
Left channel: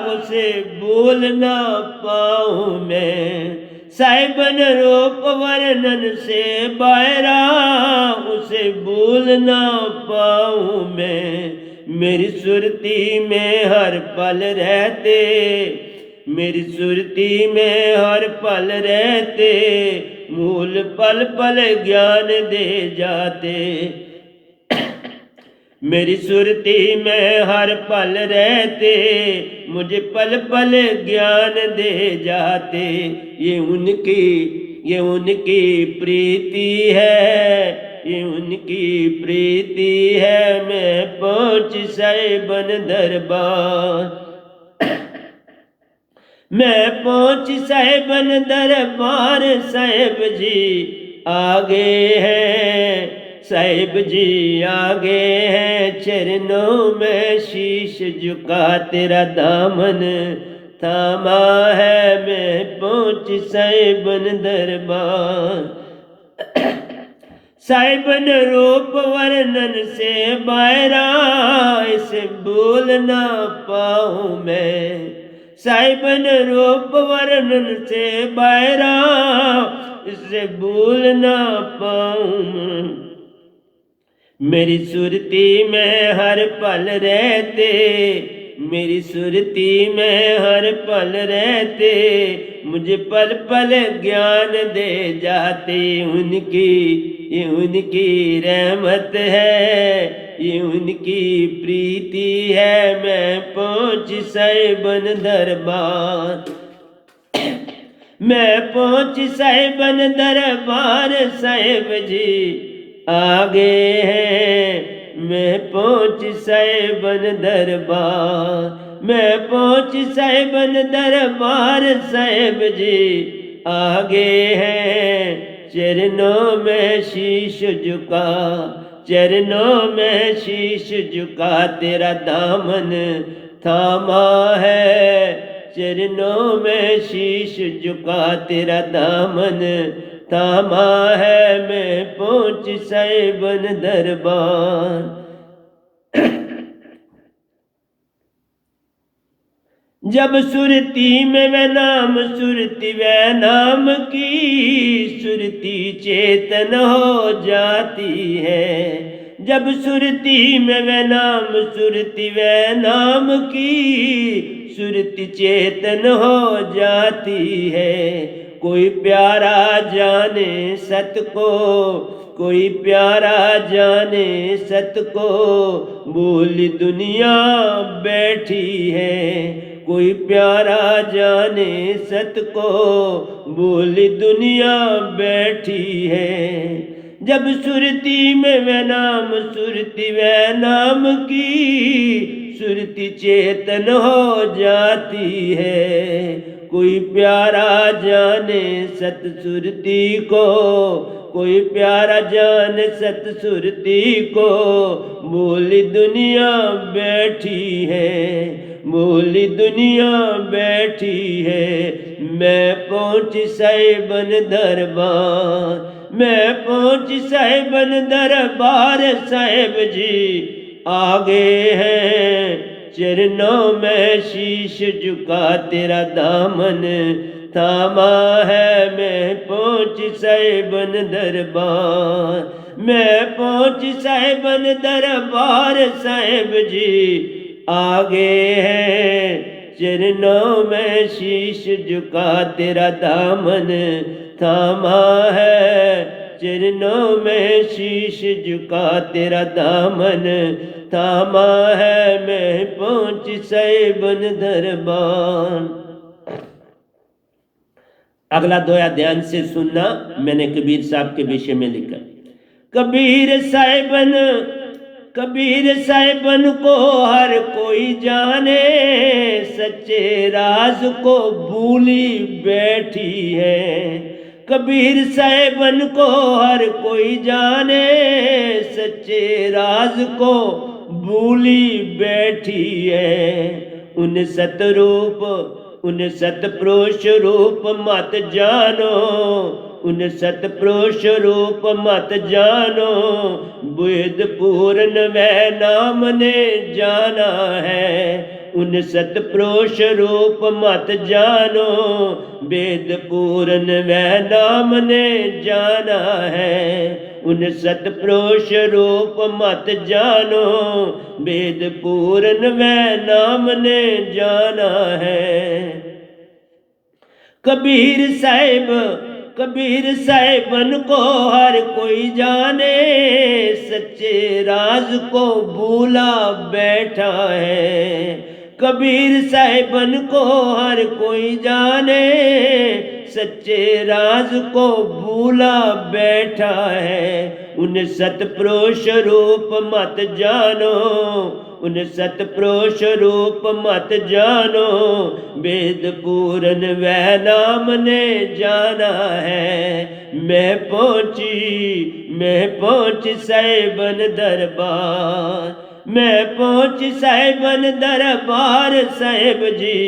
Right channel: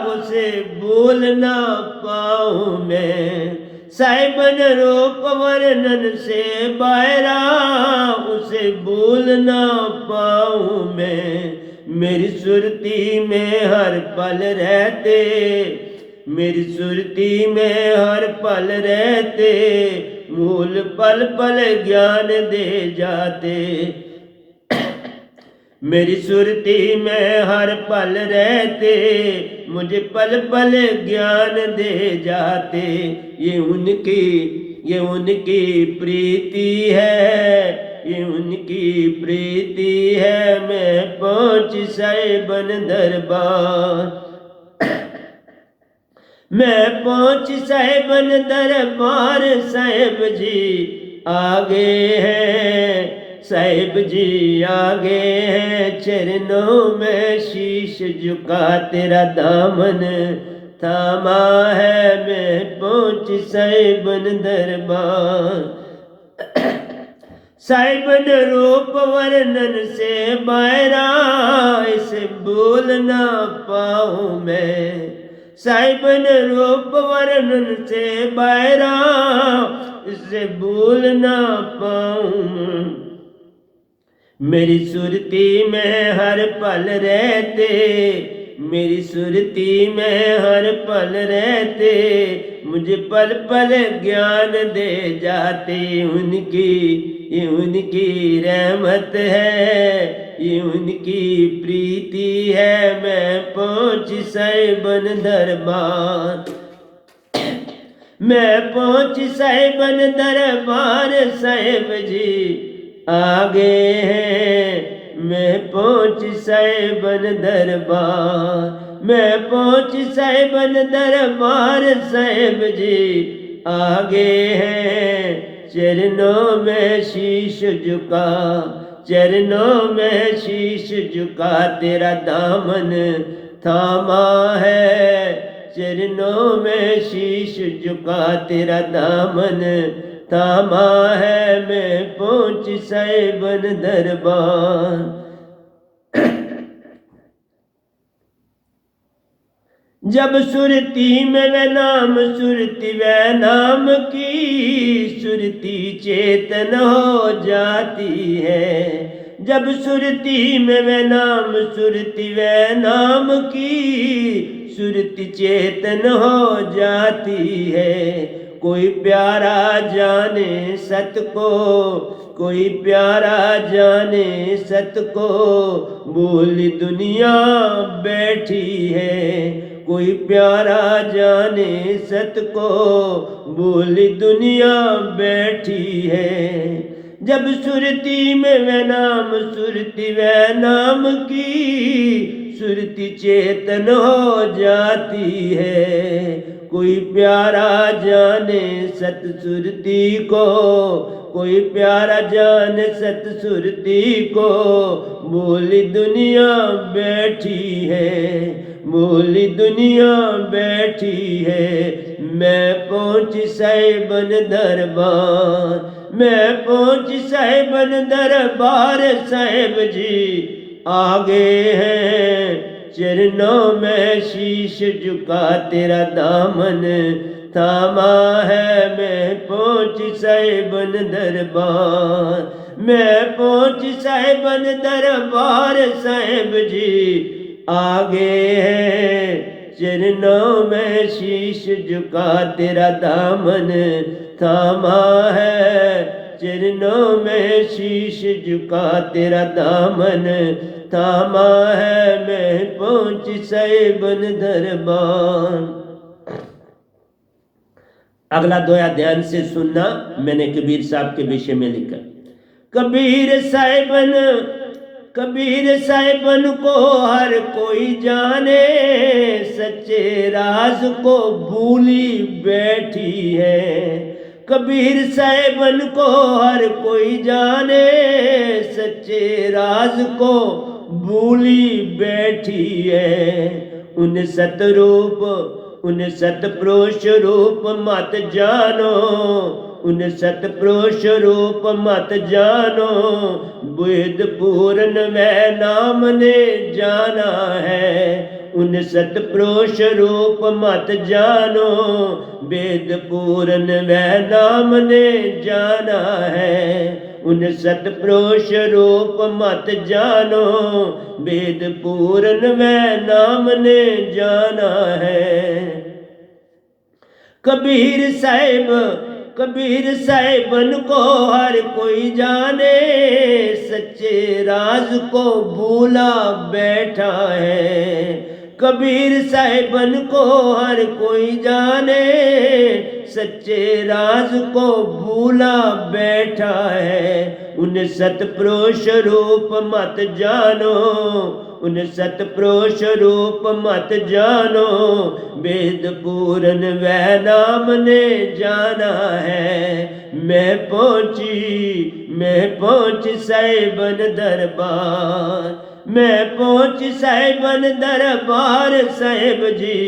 उसे भूल ना पाऊं मैं। साहिबन रूप वर्णन से बाहरा, उसे भूल ना पाऊं मैं। मेरी सुरती में हर पल रहते, मेरी सुरती में हर पल रहते, मूल पल पल ज्ञान दे जाते। मेरी सुरती में हर पल रहते, मुझे पल पल ज्ञान दे जाते। ये उनकी प्रीति है, ये उनकी प्रीति है। मैं पहुँच साहिबन दरबार, मैं पहुँच साहिबन दरबार, साहिब जी आगे हैं। साहिब जी आगे हैं। चरणों में शीश झुका तेरा दामन थामा है। मैं पहुँच साहिबन दरबार। साहिबन रूप वर्णन से बाहरा, इसे भूल ना पाऊं मैं। साहिबन रूप वर्णन से बाहरा, इसे भूल ना पाऊं। मेरी सुरती में हर पल रहते, मेरी सुरती में हर पल रहते, मुझे पल पल ज्ञान दे जाते। ये उनकी रहमत है, ये उनकी प्रीति है। मैं पहुँच साहिबन दरबार, मैं पहुँच साहिबन दरबार, साहिब जी आगे हैं। मैं पहुँच साहिबन दरबार, मैं पहुँच साहिबन दरबार, साहिब जी आगे हैं। चरणों में शीश झुका, चरणों में शीश झुका तेरा दामन थामा है। चरणों में शीश झुका तेरा दामन थामा है। मैं पहुँच साहिबन दरबार। जब सुरती में वह नाम, सुरती वह नाम की, सुरती चेतन हो जाती है। जब सुरती में वह नाम, सुरती वह नाम की, सुरती चेतन हो जाती है। कोई प्यारा जाने सत को, कोई प्यारा जाने सत को, बोली दुनिया बैठी है। कोई प्यारा जाने सत को, बोली दुनिया बैठी है। जब सुरती में वह नाम सुरती वह नाम की सुरती चेतन हो जाती है। कोई प्यारा जाने सत सुरती को, कोई प्यारा जाने सत सुरती को, बोली दुनिया बैठी है, बोली दुनिया बैठी है। मैं पहुंची साहिबन दरबार, मैं पहुंची साहिबन दरबार, साहिब जी आगे हैं चरणों में शीश झुका तेरा दामन थामा है। मैं पहुंची साहिबन दरबार, मैं पहुंची साहिबन दरबार, साहिब जी आगे हैं चरणों में शीश झुका तेरा दामन थामा है। चरणों में शीश झुका तेरा दामन थामा है। मैं पहुंची साहिबन दरबार। अगला दोया ध्यान से सुनना, मैंने कबीर साहब के विषय में लिखा। कबीर साहिबन को हर कोई जाने, सच्चे राज को भूली बैठी है। कबीर साहिबन को हर कोई जाने, सच्चे राज को भूली बैठी है। उन सतरूप उन सतपुरुष रूप मत जानो, उन सतपुरुष रूप मत जानो। वेद पूर्ण वह नाम ने जाना है। उन सतपुरुष रूप मत जानो, वेद पूर्ण वह नाम ने जाना है। उन सतपुरुष रूप मत जानो, वेद पूर्ण वह नाम ने जाना है। कबीर साहिबन को हर कोई जाने, सच्चे राज को भूला बैठा है। कबीर साहिबन को हर कोई जाने, सच्चे राज को भूला बैठा है। उन सतपुरुष रूप मत जानो, उन सतपुरुष रूप मत जानो। वेद पूर्ण वह नाम ने जाना है। मैं पहुंची साहिबन दरबार, मैं पहुंची साहिबन दरबार, साहिब जी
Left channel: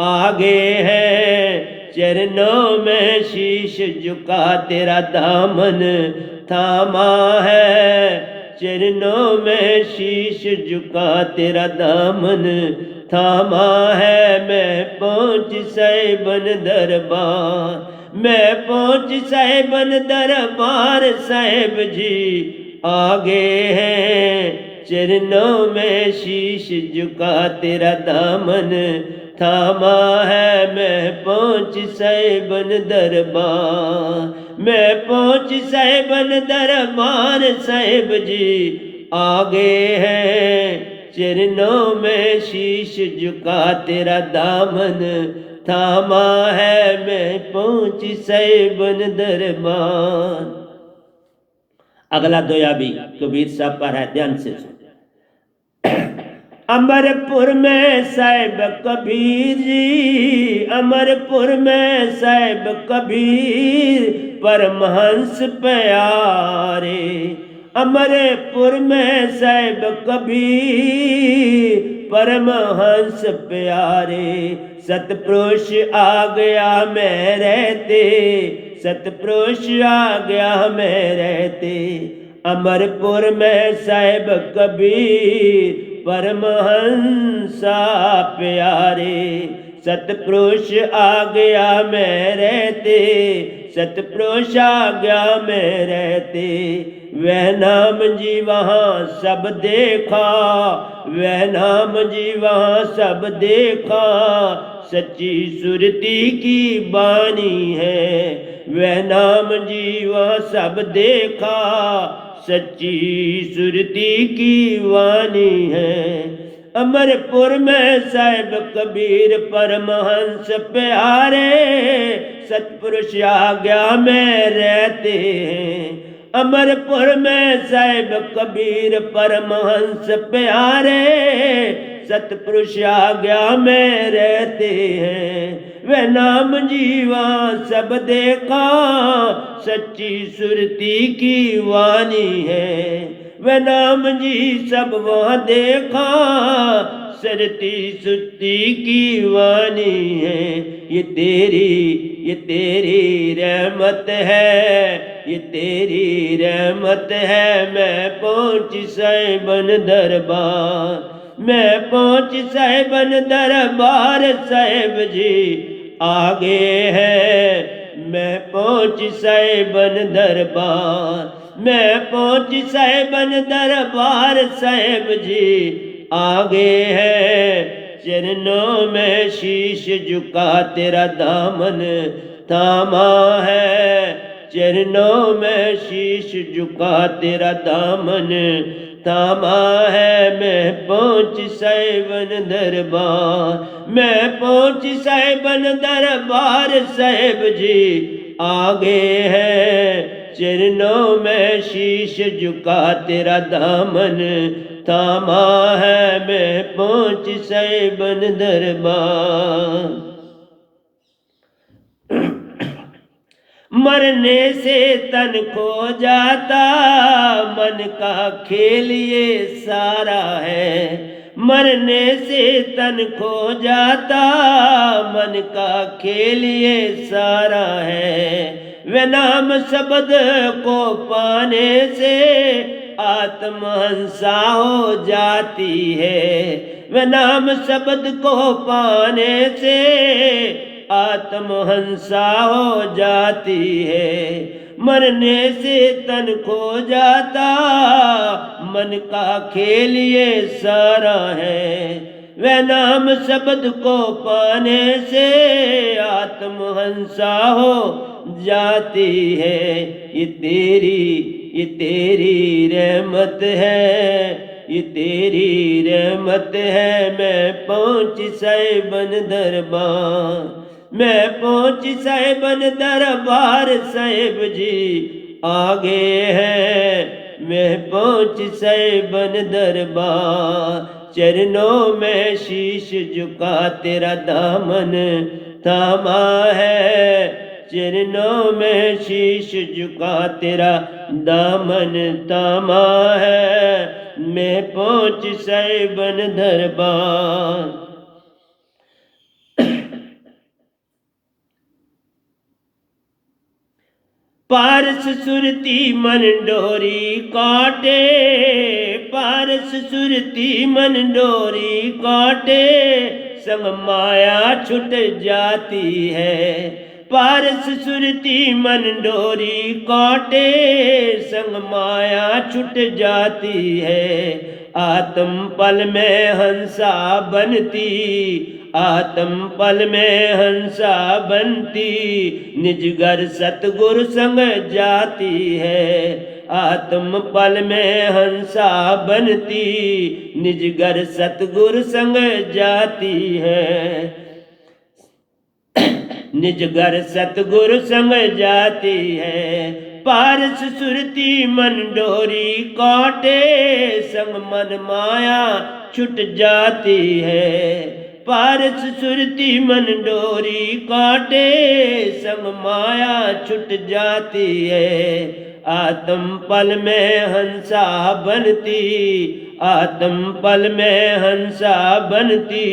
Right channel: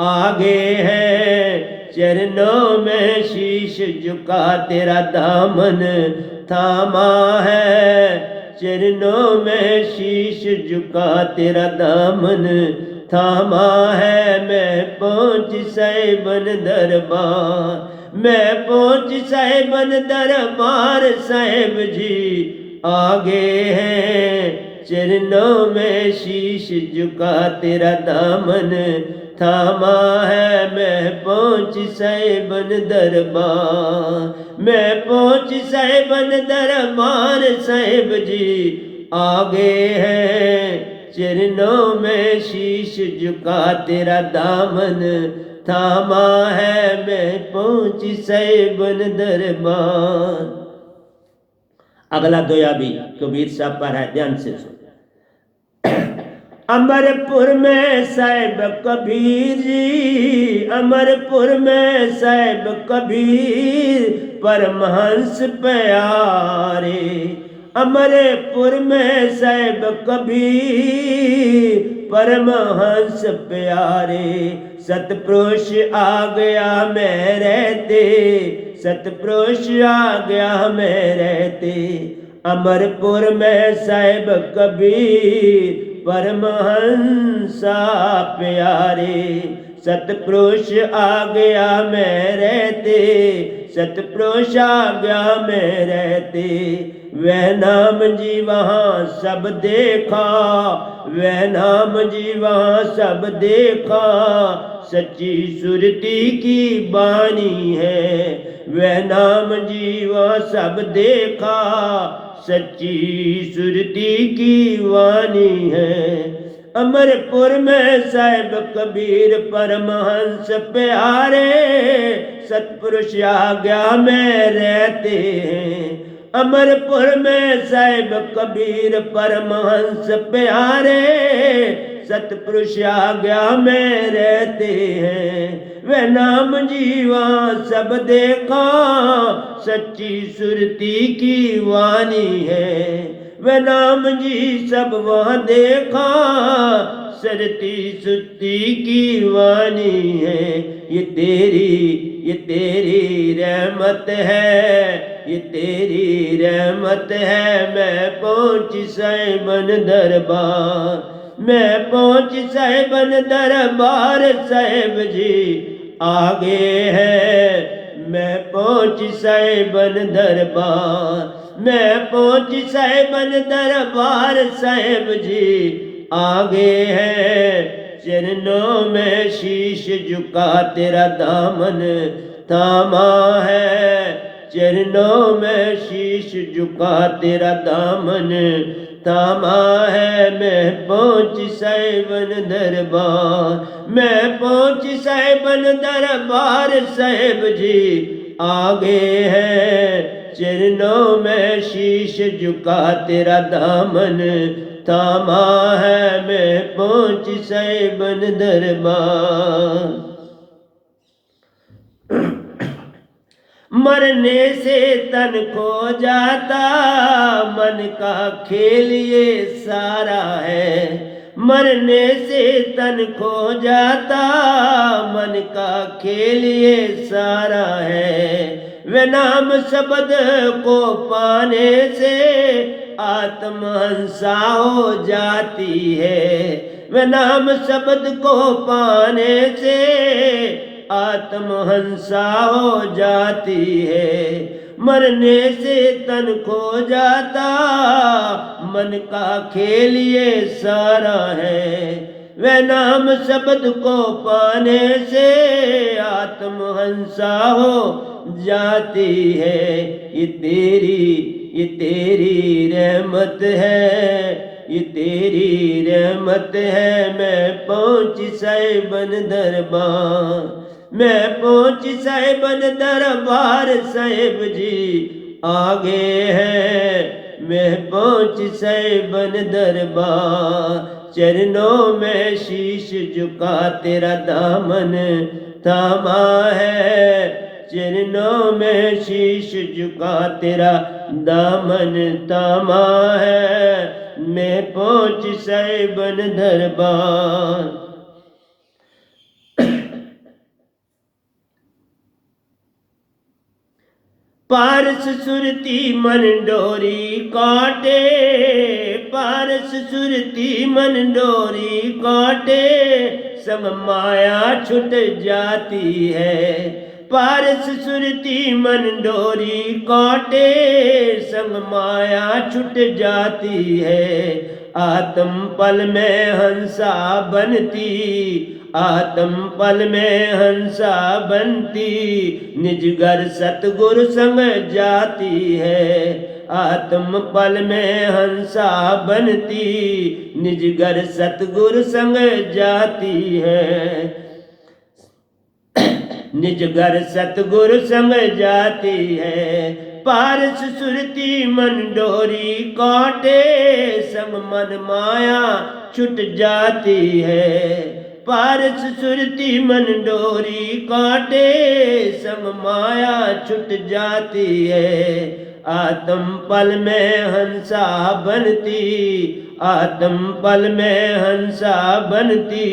आगे हैं चरणों में शीश झुका तेरा दामन थामा है। चरणों में शीश झुका तेरा दामन थामा है। मैं पहुंची साहिबन दरबार, मैं पहुंची साहिबन दरबार, साहिब जी आगे हैं चरणों में शीश झुका तेरा दामन थामा है। मैं पहुंची साहिबन दरबार, मैं पहुंची साहिबन दरबार, साहिब जी आगे हैं चरणों में शीश झुका तेरा दामन थामा है। मैं पहुंची साहिबन दरबार। अगला दोया भी कबीर साहब पर है, ध्यान से सुन। अमरपुर में साहिब कबीर जी, अमरपुर में साहिब कबीर परमहंस प्यारे। अमरपुर में साहिब कबीर परमहंस प्यारे। सतपुरुष आ गया मैं रहते, सतपुरुष आ गया मैं रहते। अमरपुर में साहिब कबीर परमहंसा प्यारे। सतपुरुष आ गया मैं रहते, सतपुरुष आ गया मैं रहते। वह नाम जी वहाँ सब देखा, वह नाम जी वहाँ सब देखा। सच्ची सुरती की बानी है, वह नाम जी वहाँ सब देखा। सच्ची सुरती की वाणी है। अमरपुर में साहिब कबीर परमहंस प्यारे। सतपुरुष आ गया में रहते हैं। अमरपुर में साहिब कबीर परमहंस प्यारे, सतपुरुष आज्ञा में रहते हैं। वे नाम जीवा सब देखा, सच्ची सुरती की वाणी है। वे नाम जी सब वहाँ देखा, सरती सुरती की वाणी है। ये तेरी रहमत है, ये तेरी रहमत है। मैं पहुँची साहिबन दरबार, मैं पहुँची साहिबन दरबार, साहिब जी आगे है। मैं पहुँची साहिबन दरबार, मैं पहुँची साहिबन दरबार, साहिब जी आगे है। चरणों में शीश झुका तेरा दामन थामा है, चरणों में शीश झुका तेरा दामन थामा है। मैं पहुँची साहिबन दरबार, मैं पहुँची साहिबन दरबार, साहिब जी आगे है। चरणों में शीश झुका तेरा दामन थामा है। मैं पहुँची साहिबन दरबार। मरने से तन खो जाता, मन का खेल ये सारा है। मरने से तन खो जाता, मन का खेल ये सारा है। वे नाम शब्द को पाने से आत्महंसा हो जाती है। वे नाम शब्द को पाने से आत्महंसा हो जाती है। मरने से तन खो जाता, मन का खेल ये सारा है। वह नाम शब्द को पाने से आत्महंसा हो जाती है। ये तेरी रहमत है, ये तेरी रहमत है। मैं पहुँची साहिबन दरबार, मैं पहुँची साहिबन दरबार, साहिब जी आगे है। मैं पहुँची साहिबन दरबार, चरणों में शीश झुका तेरा दामन थामा है। चरणों में शीश झुका तेरा दामन थामा है। मैं पहुँची साहिबन दरबार। पारस सुरती मन डोरी काटे, पारस सुरती मन डोरी काटे, संग माया छुट जाती है। पारस सुरती मन डोरी काटे, संग माया छुट जाती है। आत्म पल में हंसा बनती, आत्म पल में हंसा बनती, निज घर सतगुरु संग जाती है। आत्म पल में हंसा बनती, निज घर सतगुरु संग जाती है। निज घर सतगुरु संग जाती है। पारस सुरती मन डोरी काटे, संग मन माया छुट जाती है। पारस सुरती मन डोरी काटे, संग माया छुट जाती है। आत्म पल में हंसा बनती, आत्म पल में हंसा बनती,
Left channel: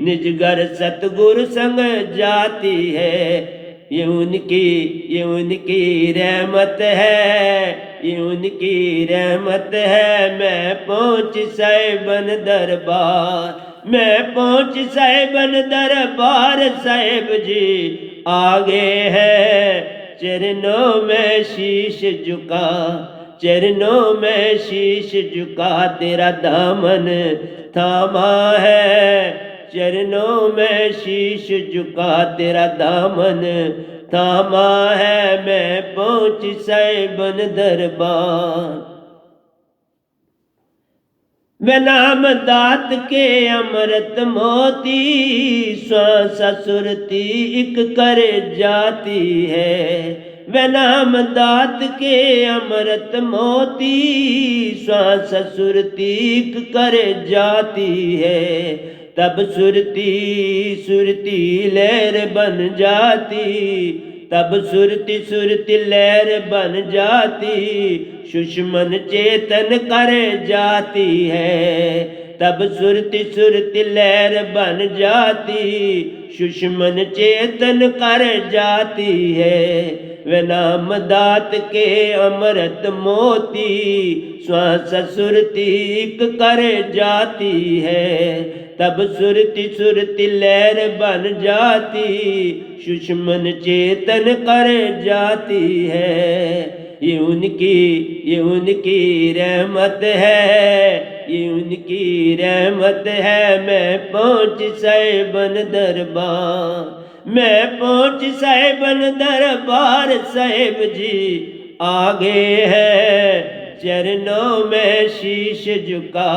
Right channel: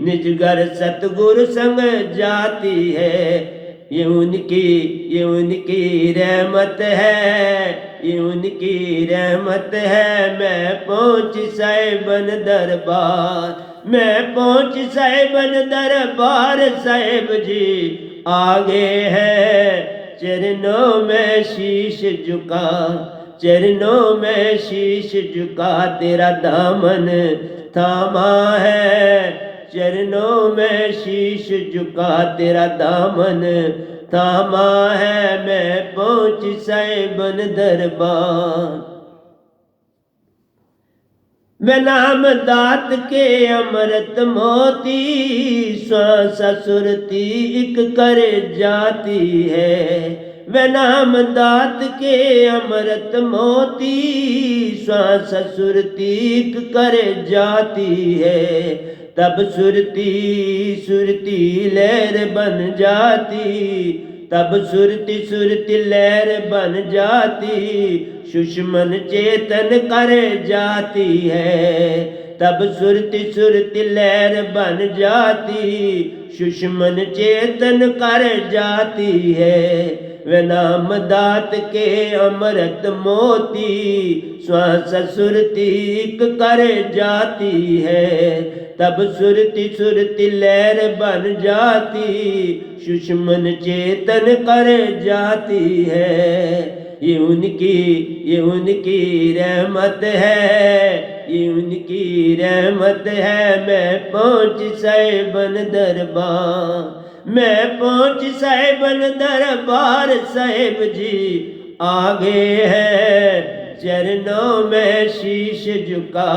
निज घर सतगुरु संग जाती है। ये उनकी रहमत है, ये उनकी रहमत है। मैं पहुँची साहिबन दरबार, मैं पहुँची साहिबन दरबार, साहिब जी आगे है। चरणों में शीश झुका, चरणों में शीश झुका तेरा दामन थामा है। चरणों में शीश झुका तेरा दामन थामा है। मैं पहुँची साहिबन दरबार। वे नाम दात के अमृत मोती, श्वास सुरती एक कर जाती है। वे नाम दात के अमृत मोती, श्वास सुरतीक कर जाती है। तब सुरती सुरती लहर बन जाती, तब सुरती सुरती लहर बन जाती, सुषमन चेतन कर जाती है। तब सुरती सुरती लहर बन जाती, सुषमन चेतन कर जाती है। वे नाम दात के अमृत मोती, श्वास सुरतीक कर जाती है। तब सुरती सुरती लहर बन जाती, सुषमन चेतन कर जाती है। ये उनकी रहमत है, ये उनकी रहमत है। मैं पहुँच साहिबन दरबार, मैं पहुँच साहिबन दरबार, साहिब जी आगे है। चरणों में शीश झुका,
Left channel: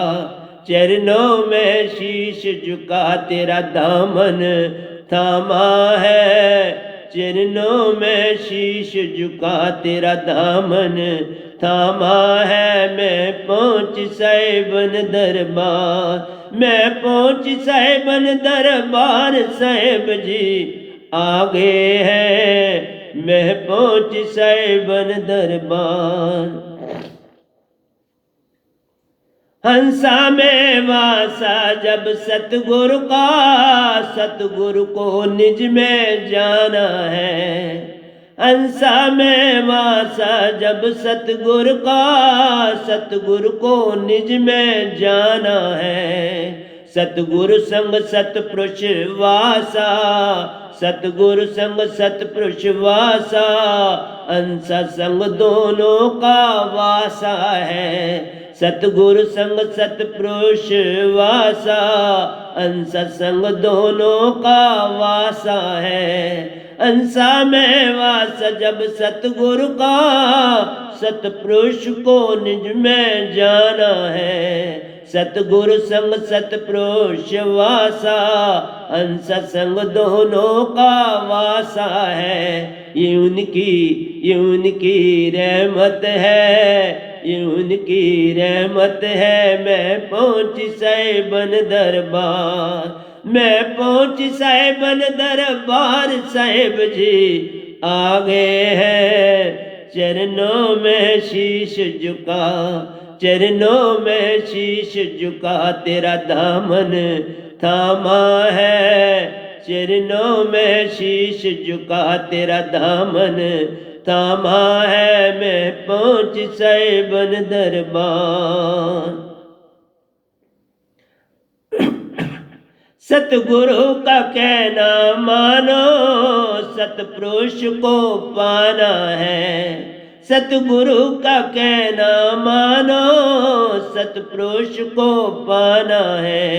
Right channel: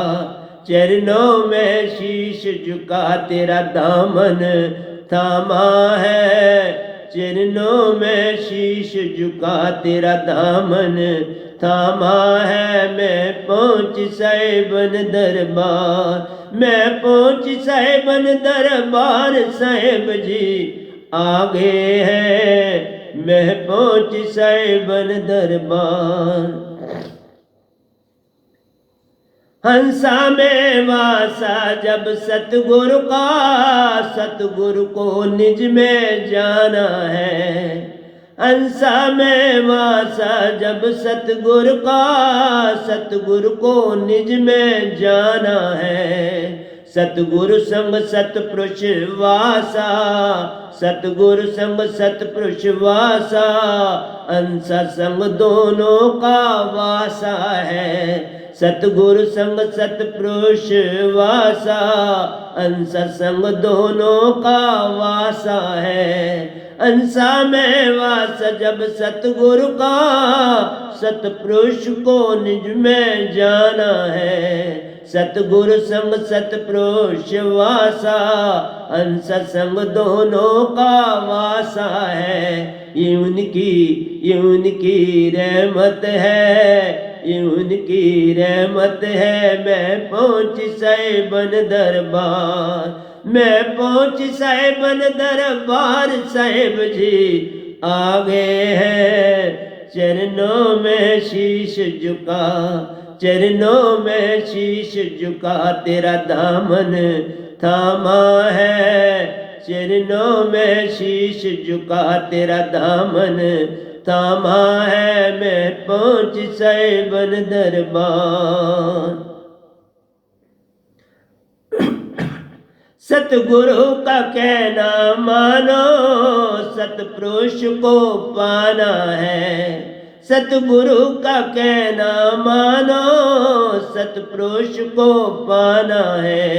चरणों में शीश झुका, तेरा दामन थामा है। चरणों में शीश झुका, तेरा दामन थामा है। मैं पहुँच साहिबन दरबार, मैं पहुँच साहिबन दरबार, साहिब जी आगे है। मैं पहुँच साहिबन दरबार। हंसा में वासा जब सतगुरु का, सतगुरु को निज में जाना है। हंसा में वासा जब सतगुरु का, सतगुरु को निज में जाना है। सतगुरु संग सतपुरुष वासा, सतगुरु संग सतपुरुष वासा, अंसा संग दोनों का वासा है। सतगुरु संग सतपुरुष वासा, अंसा संग दोनों का वासा है। अंसा में वास जब सतगुरु का, सतपुरुष को निज में जाना है। सतगुरु संग सतपुरुष वासा, अंश संग दोनों का वासा है। ये उनकी रहमत है, ये उनकी रहमत है। मैं पहुँच साहिबन दरबार, मैं पहुँच साहिबन दरबार, साहिब जी आगे है। चरणों में शीश झुका, चरणों में शीश झुका, तेरा दामन थामा है। चरणों में शीश झुका, तेरा दामन थामा है। मैं पहुँच साहिबन दरबार। सतगुरु का कहना मानो, सतपुरुष को पाना है। सतगुरु का कहना मानो, सतपुरुष को पाना है।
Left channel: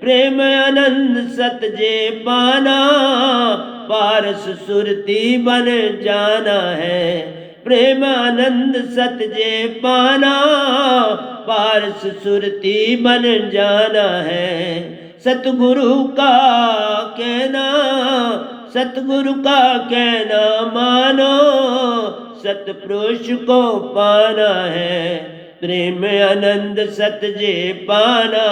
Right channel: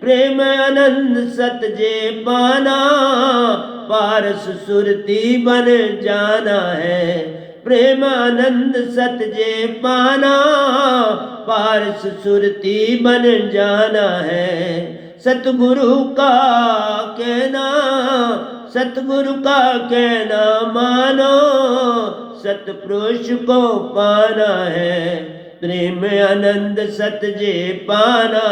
प्रेम आनंद सतजे पाना, पारस सुरती बन जाना है। प्रेम आनंद सतजे पाना, पारस सुरती बन जाना है। सतगुरु का कहना, सतगुरु का कहना मानो, सतपुरुष को पाना है। प्रेम आनंद सतजे पाना,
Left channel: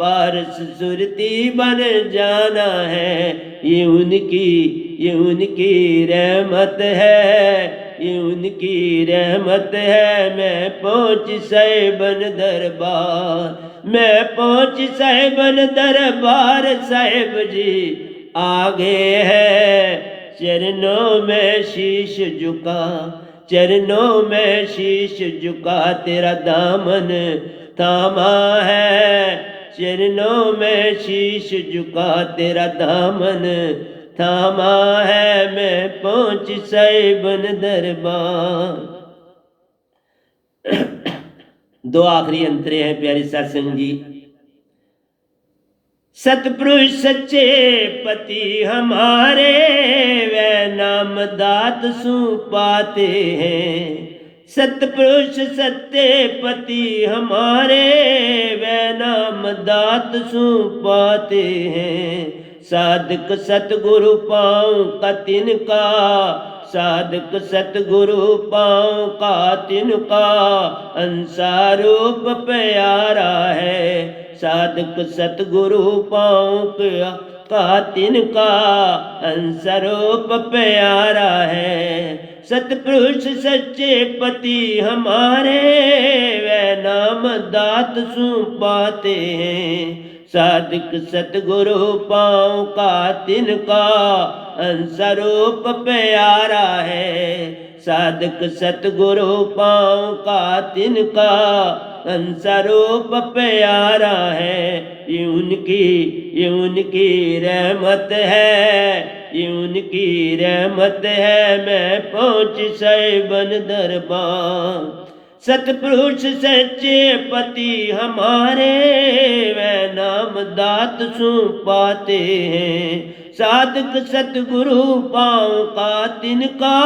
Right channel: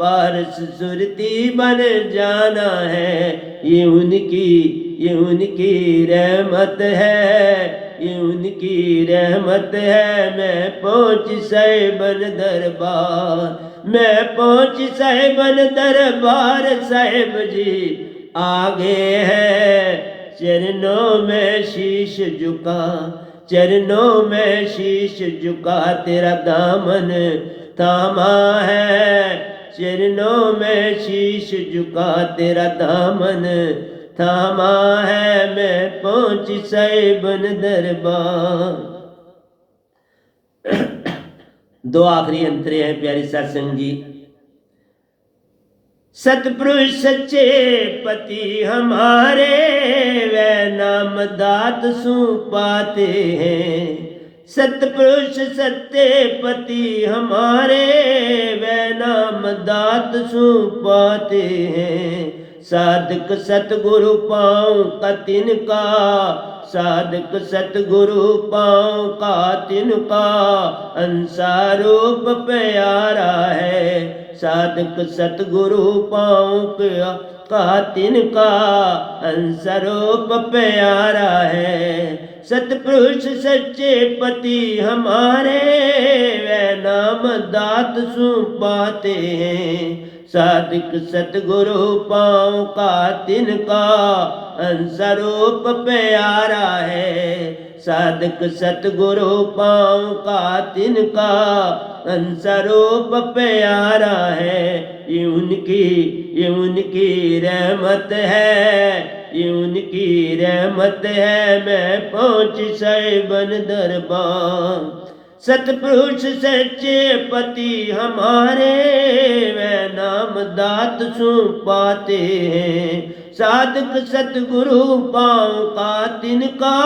पारस सुरती बन जाना है। ये उनकी रहमत है, ये उनकी रहमत है। मैं पहुँच साहिबन दरबार, मैं पहुँच साहिबन दरबार, साहिब जी आगे है। चरणों में शीश झुका, चरणों में शीश झुका, तेरा दामन थामा है। चरणों में शीश झुका, तेरा दामन थामा है। मैं पहुँच साहिबन दरबार। दो आखिरी अंतरे हैं प्यारे सत्संग जी। सतपुरुष सच्चे पति हमारे, वे नाम दात सु पाते हैं। सतपुरुष सत्य पति हमारे, वे नाम दात सु पाते हैं। साधक सतगुरु पाँव का तिनका, साधक सतगुरु पाँव का तिनका, अंसारूप प्यारा है। साधक सतगुरु पाँव का तिनका, अंसरूप प्यारा है। सतपुरुष सच्चे पति हमारे, वे नाम दात सु पाते हैं। साधक सतगुरु पाँव का तिनका, अंसरूप प्यारा है। साधक सतगुरु पाँव का तिनका, अंसरूप प्यारा है। ये उनकी रहमत है, ये उनकी रहमत है। मैं पहुँच सैबन दरबार। सतपुरुष सच्चे पति हमारे, वे नाम दात सु पाते हैं। साधक सतगुरु पाँव का तिनका,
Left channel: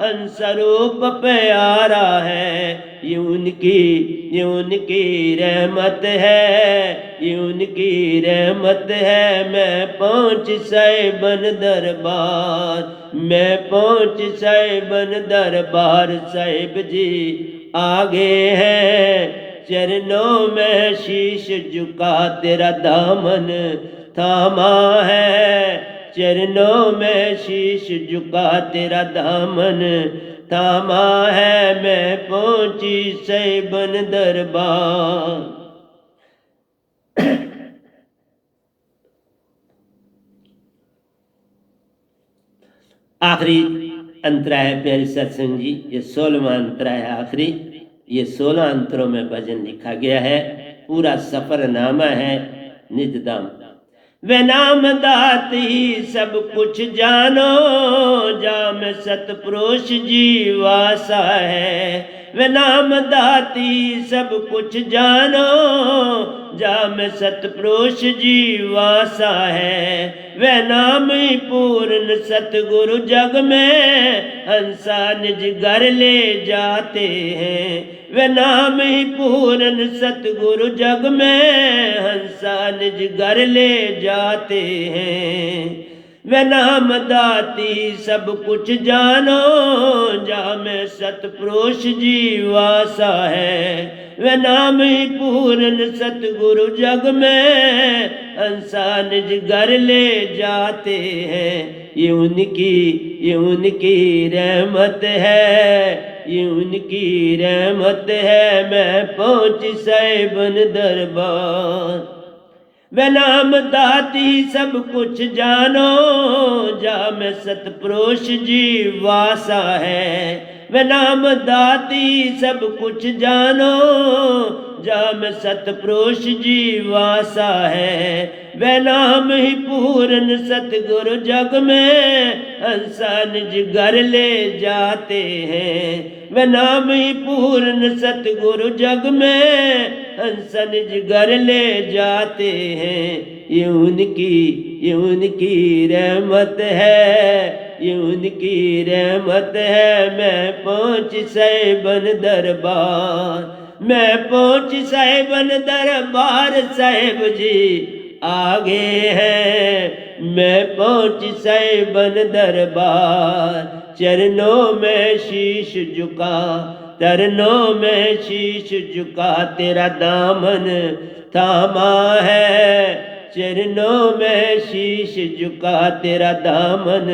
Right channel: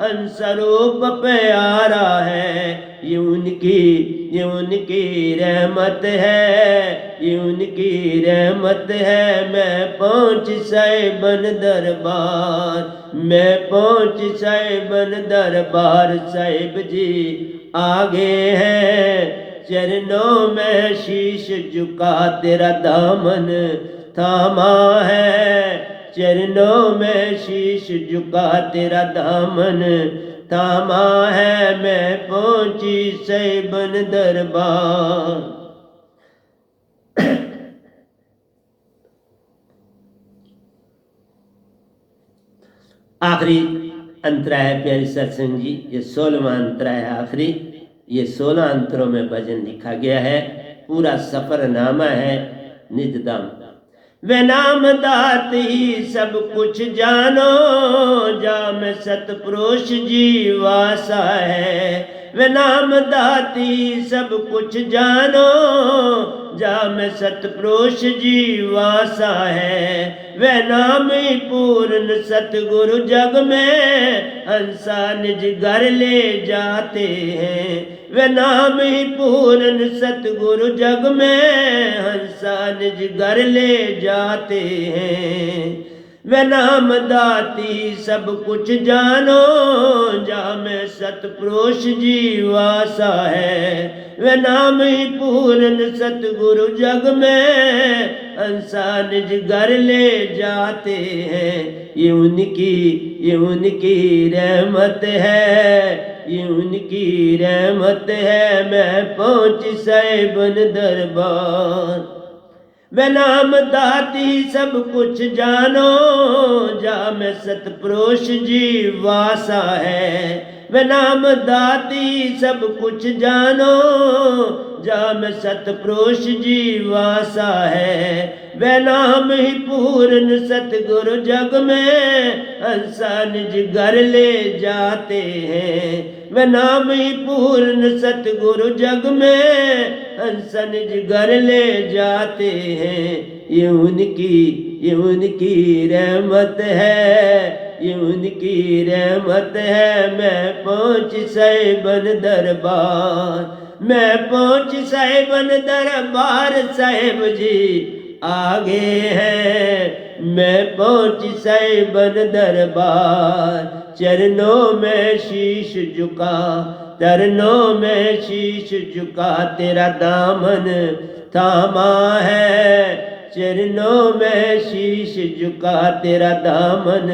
अंसरूप प्यारा है। ये उनकी रहमत है, ये उनकी रहमत है। मैं पहुँच सैबन दरबार, मैं पहुँच सैबन दरबार। साहिब जी आगे हैं, चरणों में शीश झुका तेरा दामन थामा है। चरणों में शीश झुका तेरा दामन थामा है। मैं पहुँची सैबन दरबार। आखिरी अंतरा है प्यारे सत्संग जी, ये 16वां अंतरा है आखिरी। ये 16 अंतरों में भजन लिखा गया है। पूरा सफरनामा है निजदाम। वे नाम दात ही सब कुछ जानो, जाम सतपुरुष जी वासा है। वे नाम दात ही सब कुछ जानो, जाम सतपुरुष जी वासा है। वे नाम ही पूर्ण सतगुरु जग में, हंसा निज घर ले जाते हैं। वे नाम ही पूर्ण सतगुरु जग में, हंसा निज घर ले जाते हैं। वे नाम दाती सब कुछ जानो, जा में सतपुरुष जी वासा है। वे नाम ही पूर्ण सतगुरु जग में, हंसा निज घर ले जाते हैं। ये उनकी रहमत है, ये उनकी रहमत है। मैं पहुँच सैबन दरबार। वे नाम दाती सब कुछ जानो, जा में सतपुरुष जी वासा है। वे नाम दाती सब कुछ जानो, जा में सतपुरुष जी वासा है। वे नाम ही पूर्ण सतगुरु जग में, हंसा निज घर ले जाते हैं। वे नाम ही पूर्ण सतगुरु जग में, हंसा निज घर ले जाते हैं। ये उनकी रहमत है, ये उनकी रहमत है। मैं पहुँच सैबन दरबार, मैं पहुँच सैबन दरबार। साहिब जी आगे हैं, मैं पहुँच सैबन दरबार। चरणों में शीश झुका, चरणों में शीश झुका तेरा दामन थामा है। चरणों में शीश झुका तेरा दामन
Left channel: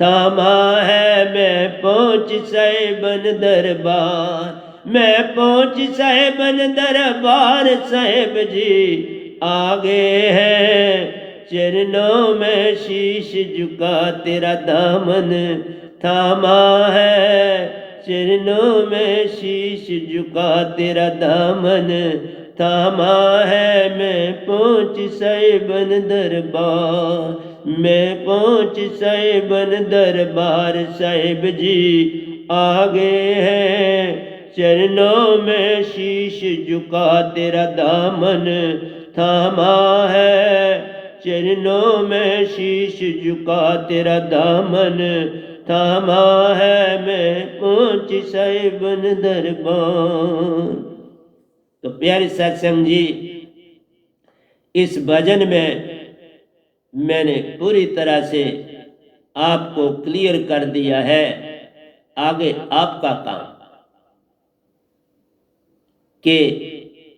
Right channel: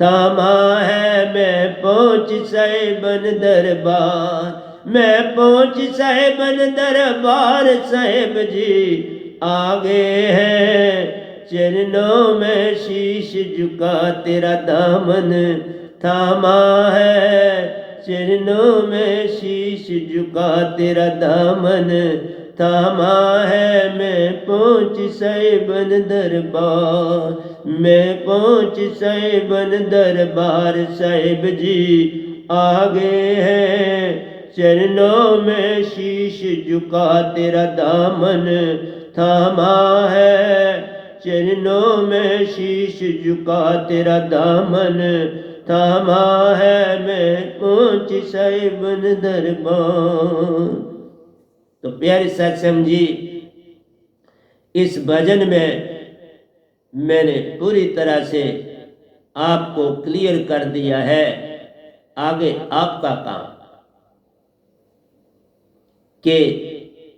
थामा है। मैं पहुँच सैबन दरबार, मैं पहुँच सैबन दरबार। साहिब जी आगे हैं, चरणों में शीश झुका तेरा दामन थामा है। चरणों में शीश झुका तेरा दामन थामा है। मैं पहुँच सैबन दरबार, मैं पहुँच सैबन दरबार। साहिब जी आगे हैं, चरणों में शीश झुका तेरा दामन थामा है। चरणों में शीश झुका तेरा दामन थामा है। मैं पहुँच सैबन दरबार। तो प्यारे सत्संग जी, इस भजन में मैंने पूरी तरह से आपको क्लियर कर दिया है। आगे आपका काम कि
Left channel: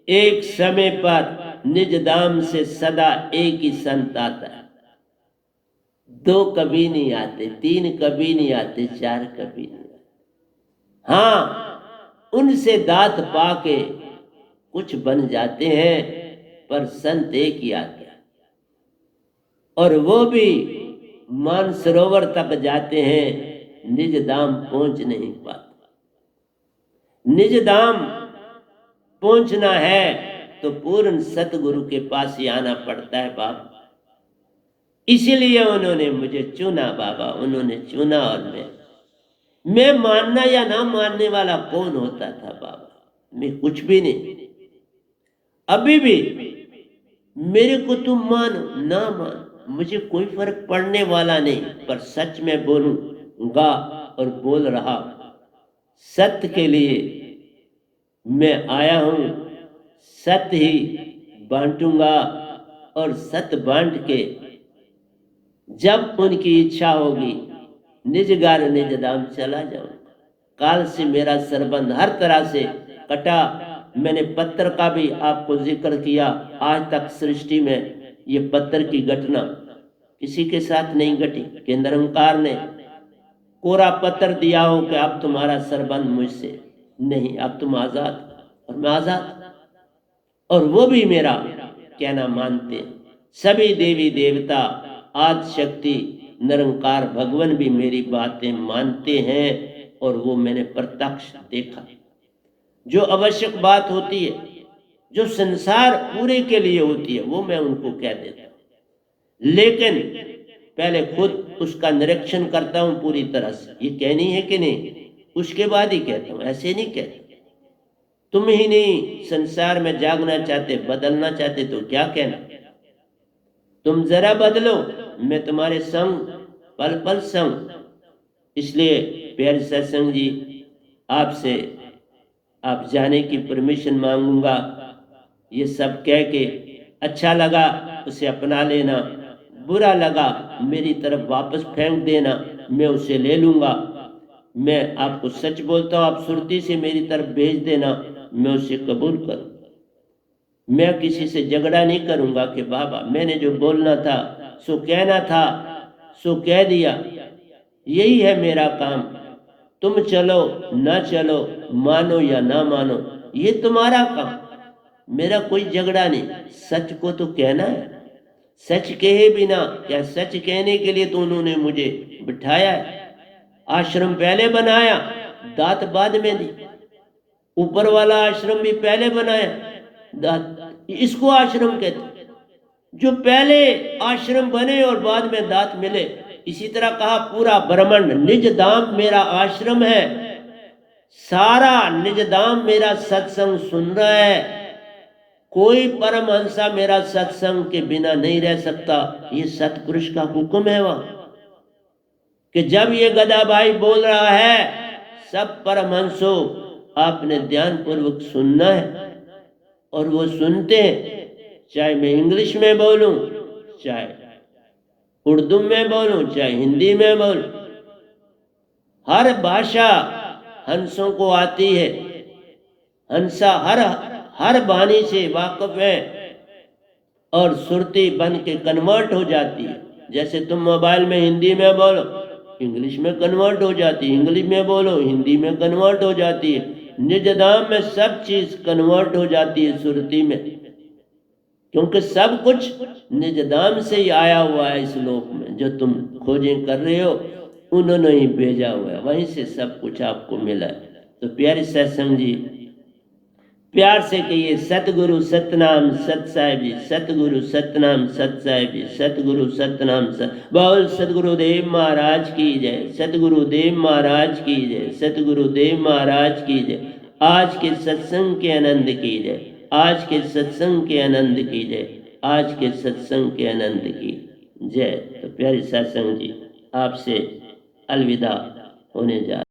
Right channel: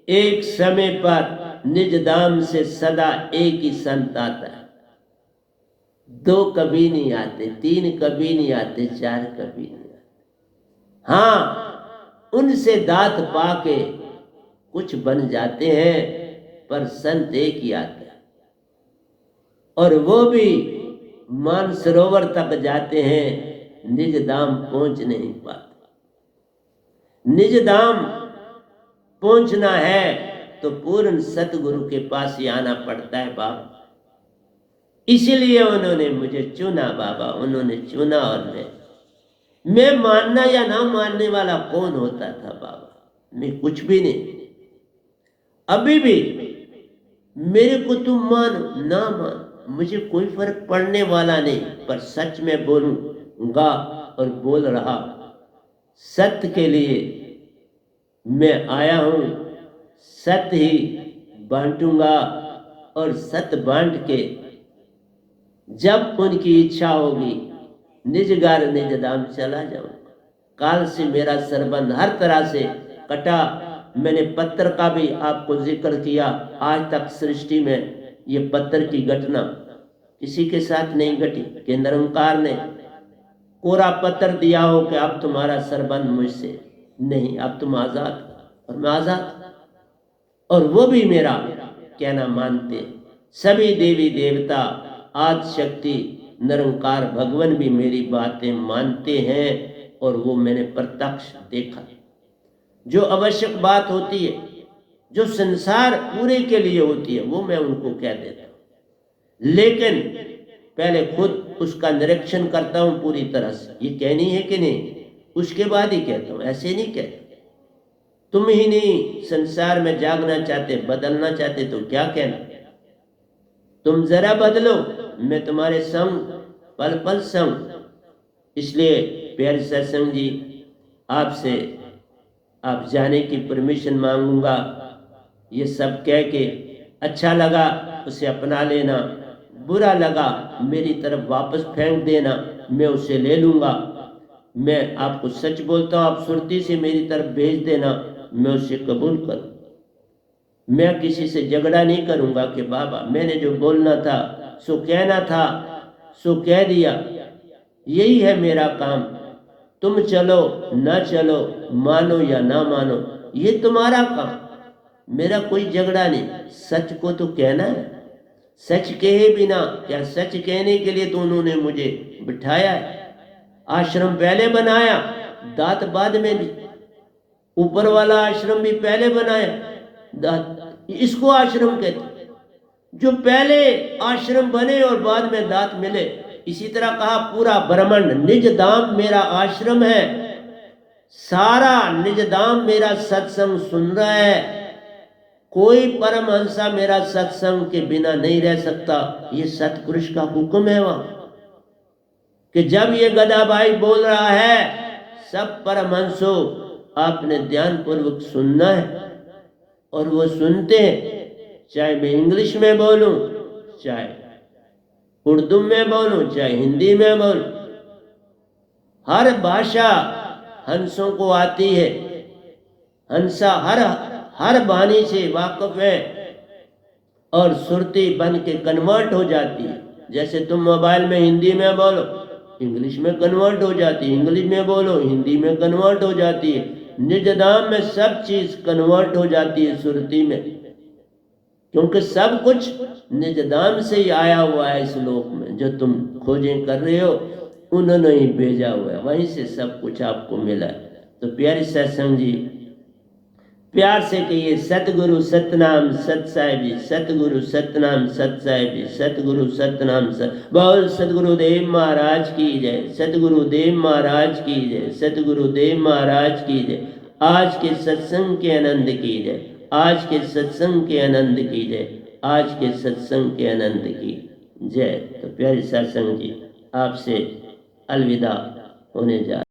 एक समय पर निज धाम से सदा एक ही संत आता है। दो कभी नहीं आते, तीन कभी नहीं आते, चार कभी नहीं आते। हाँ, उनसे दात पाके कुछ बन जाते हैं, पर संत एक ही आते हैं, और वो भी मानसरोवर तक जाते हैं, निज धाम पहुंच नहीं पाते। निज धाम पहुंचना है तो पूर्ण सतगुरु के पास ही आना पड़ता है बाबा। इसीलिए उन्होंने मुझे चुना बाबा, उन्होंने चुना। और मैं मानना या ना मानने वाला कौन होता था बाबा? मैं कुछ भी नहीं। अभी भी मेरे को तुम मानो ना मान, मुझे कोई फर्क पड़ने वाला नहीं, पर सच में बोलूंगा और बोल रहा। सत्य के लिए मैं आया हूं, सत्य ही बांटूंगा, और सत्य बांट के जब उनकी इच्छा होगी निज घर निज धाम चला जाऊंगा। काल से मेरा संबंध हर तरह से कटा। मैंने पत्थर का भी आपको जिक्र किया। आज तक सृष्टि में ये पत्थर की घटना किसी के साथ नहीं घटी कि निरंकार ने कोरा पत्थर दिया हो कि अब तुम्हारा संबंध मुझसे नहीं, अब तुम आजाद। और मैं आजाद, और वो भी मेरा कहना मानते हैं। सभी देवी देवता, आदि शक्ति, निरंकार भगवान भी मेरी बातें मानते हैं, और वो मैंने प्रत्यक्ष देखा। जो आवश्यक बात होती है, जो संसार पूरे के लिए होती है, वो मैं उनको कह देता हूं, लेकिन पहले खुद उसका निरीक्षण करता हूं पूरी तरह से, ये कहनी है कि नहीं, उसके बाद ही कहता हूं। ऐसे नहीं कहता। तुम ही नहीं संसार में जागना चाहते, बदलना चाहते, तो क्या कहना? तुम जरा बदलो, मैं तुम्हारे संग पल पल संग। इसलिए प्यारे सत्संग जी, आपसे आप जाने की परमिशन मांगूंगा। ये सब कह के अच्छा लगा उसे अपना लेना, बुरा लगा मेरी तरफ वापस फेंक देना, मैं उसे ले लूंगा। मैं आपको सच बोलता हूँ, आप सुरती से मेरी तरफ भेज देना, मैं उसे कबूल करूँ। मैं किसी से झगड़ा नहीं करूंगा कि बाबा मैंने जो बोलना था, सो कहना था, सो कह दिया। यही है मेरा काम। तुम चलो ना चलो, मानो या ना मानो, ये तुम्हारा काम, मेरा कोई झगड़ा नहीं। सच को तो कहना है। सच कहे बिना, क्या सच कहने के लिए तो उन्होंने मुझे बिठाया है। आश्रम पहले बनाया, दात बाद में दी। ऊपर वाला आश्रम भी पहले बनाया, दात, इसको आश्रम कहते। जो पहले आश्रम बने और बाद में दात मिले। इसी तरह कहा पूरा ब्रह्मांड निज धाम मेरा आश्रम है। सारा निज धाम मेरा सत्संग सुन रहा है। कोई परमहंसा मेरा सत्संग के बिना नहीं रह सकता। ये सतपुरुष का हुक्म है वहां कि जब ये गदाबाई बोल रहा है, सब परमहंसों आपने ध्यान पूर्वक सुनना है। और वो सुनते हैं, चाहे मैं इंग्लिश में बोलूं, चाहे उर्दू में बोलूं, चाहे हिंदी में बोलूं, हर भाषा हंसों को आती है। हंसा हर वाणी से वाकिफ है, और सुरती बन के कन्वर्ट हो जाती है। जैसे तुम मोबाइल में हिंदी में बोलो, इंग्लिश में कन्वर्ट हो जाती है, इंग्लिश में बोलो, हिंदी में कन्वर्ट हो जाती है। निज धाम में सब चीज कन्वर्ट हो जाती है सुरती में, क्योंकि सब कुछ निज धाम से ही आया हुआ है। इस लोक में जो तुम खोजें कर रहे हो, उन्होंने ही भेजा हुआ है, वहीं से सब कुछ आपको मिला है। तो प्यारे सत्संग जी, प्यार से कहिए सतगुरु सतनाम सत साहिब जी, सतगुरु सतनाम सत साहिब जी, सतगुरु सतनाम सत। बोल सतगुरुदेव महाराज की जय, सतगुरुदेव महाराज की जय, सतगुरुदेव महाराज की जय। आज के सत्संग के आनंद की जय, आज के सत्संग के आनंद की जय, आज के सत्संग के आनंद की जय। तो प्यारे सत्संग जी, आपसे अलविदा होने जा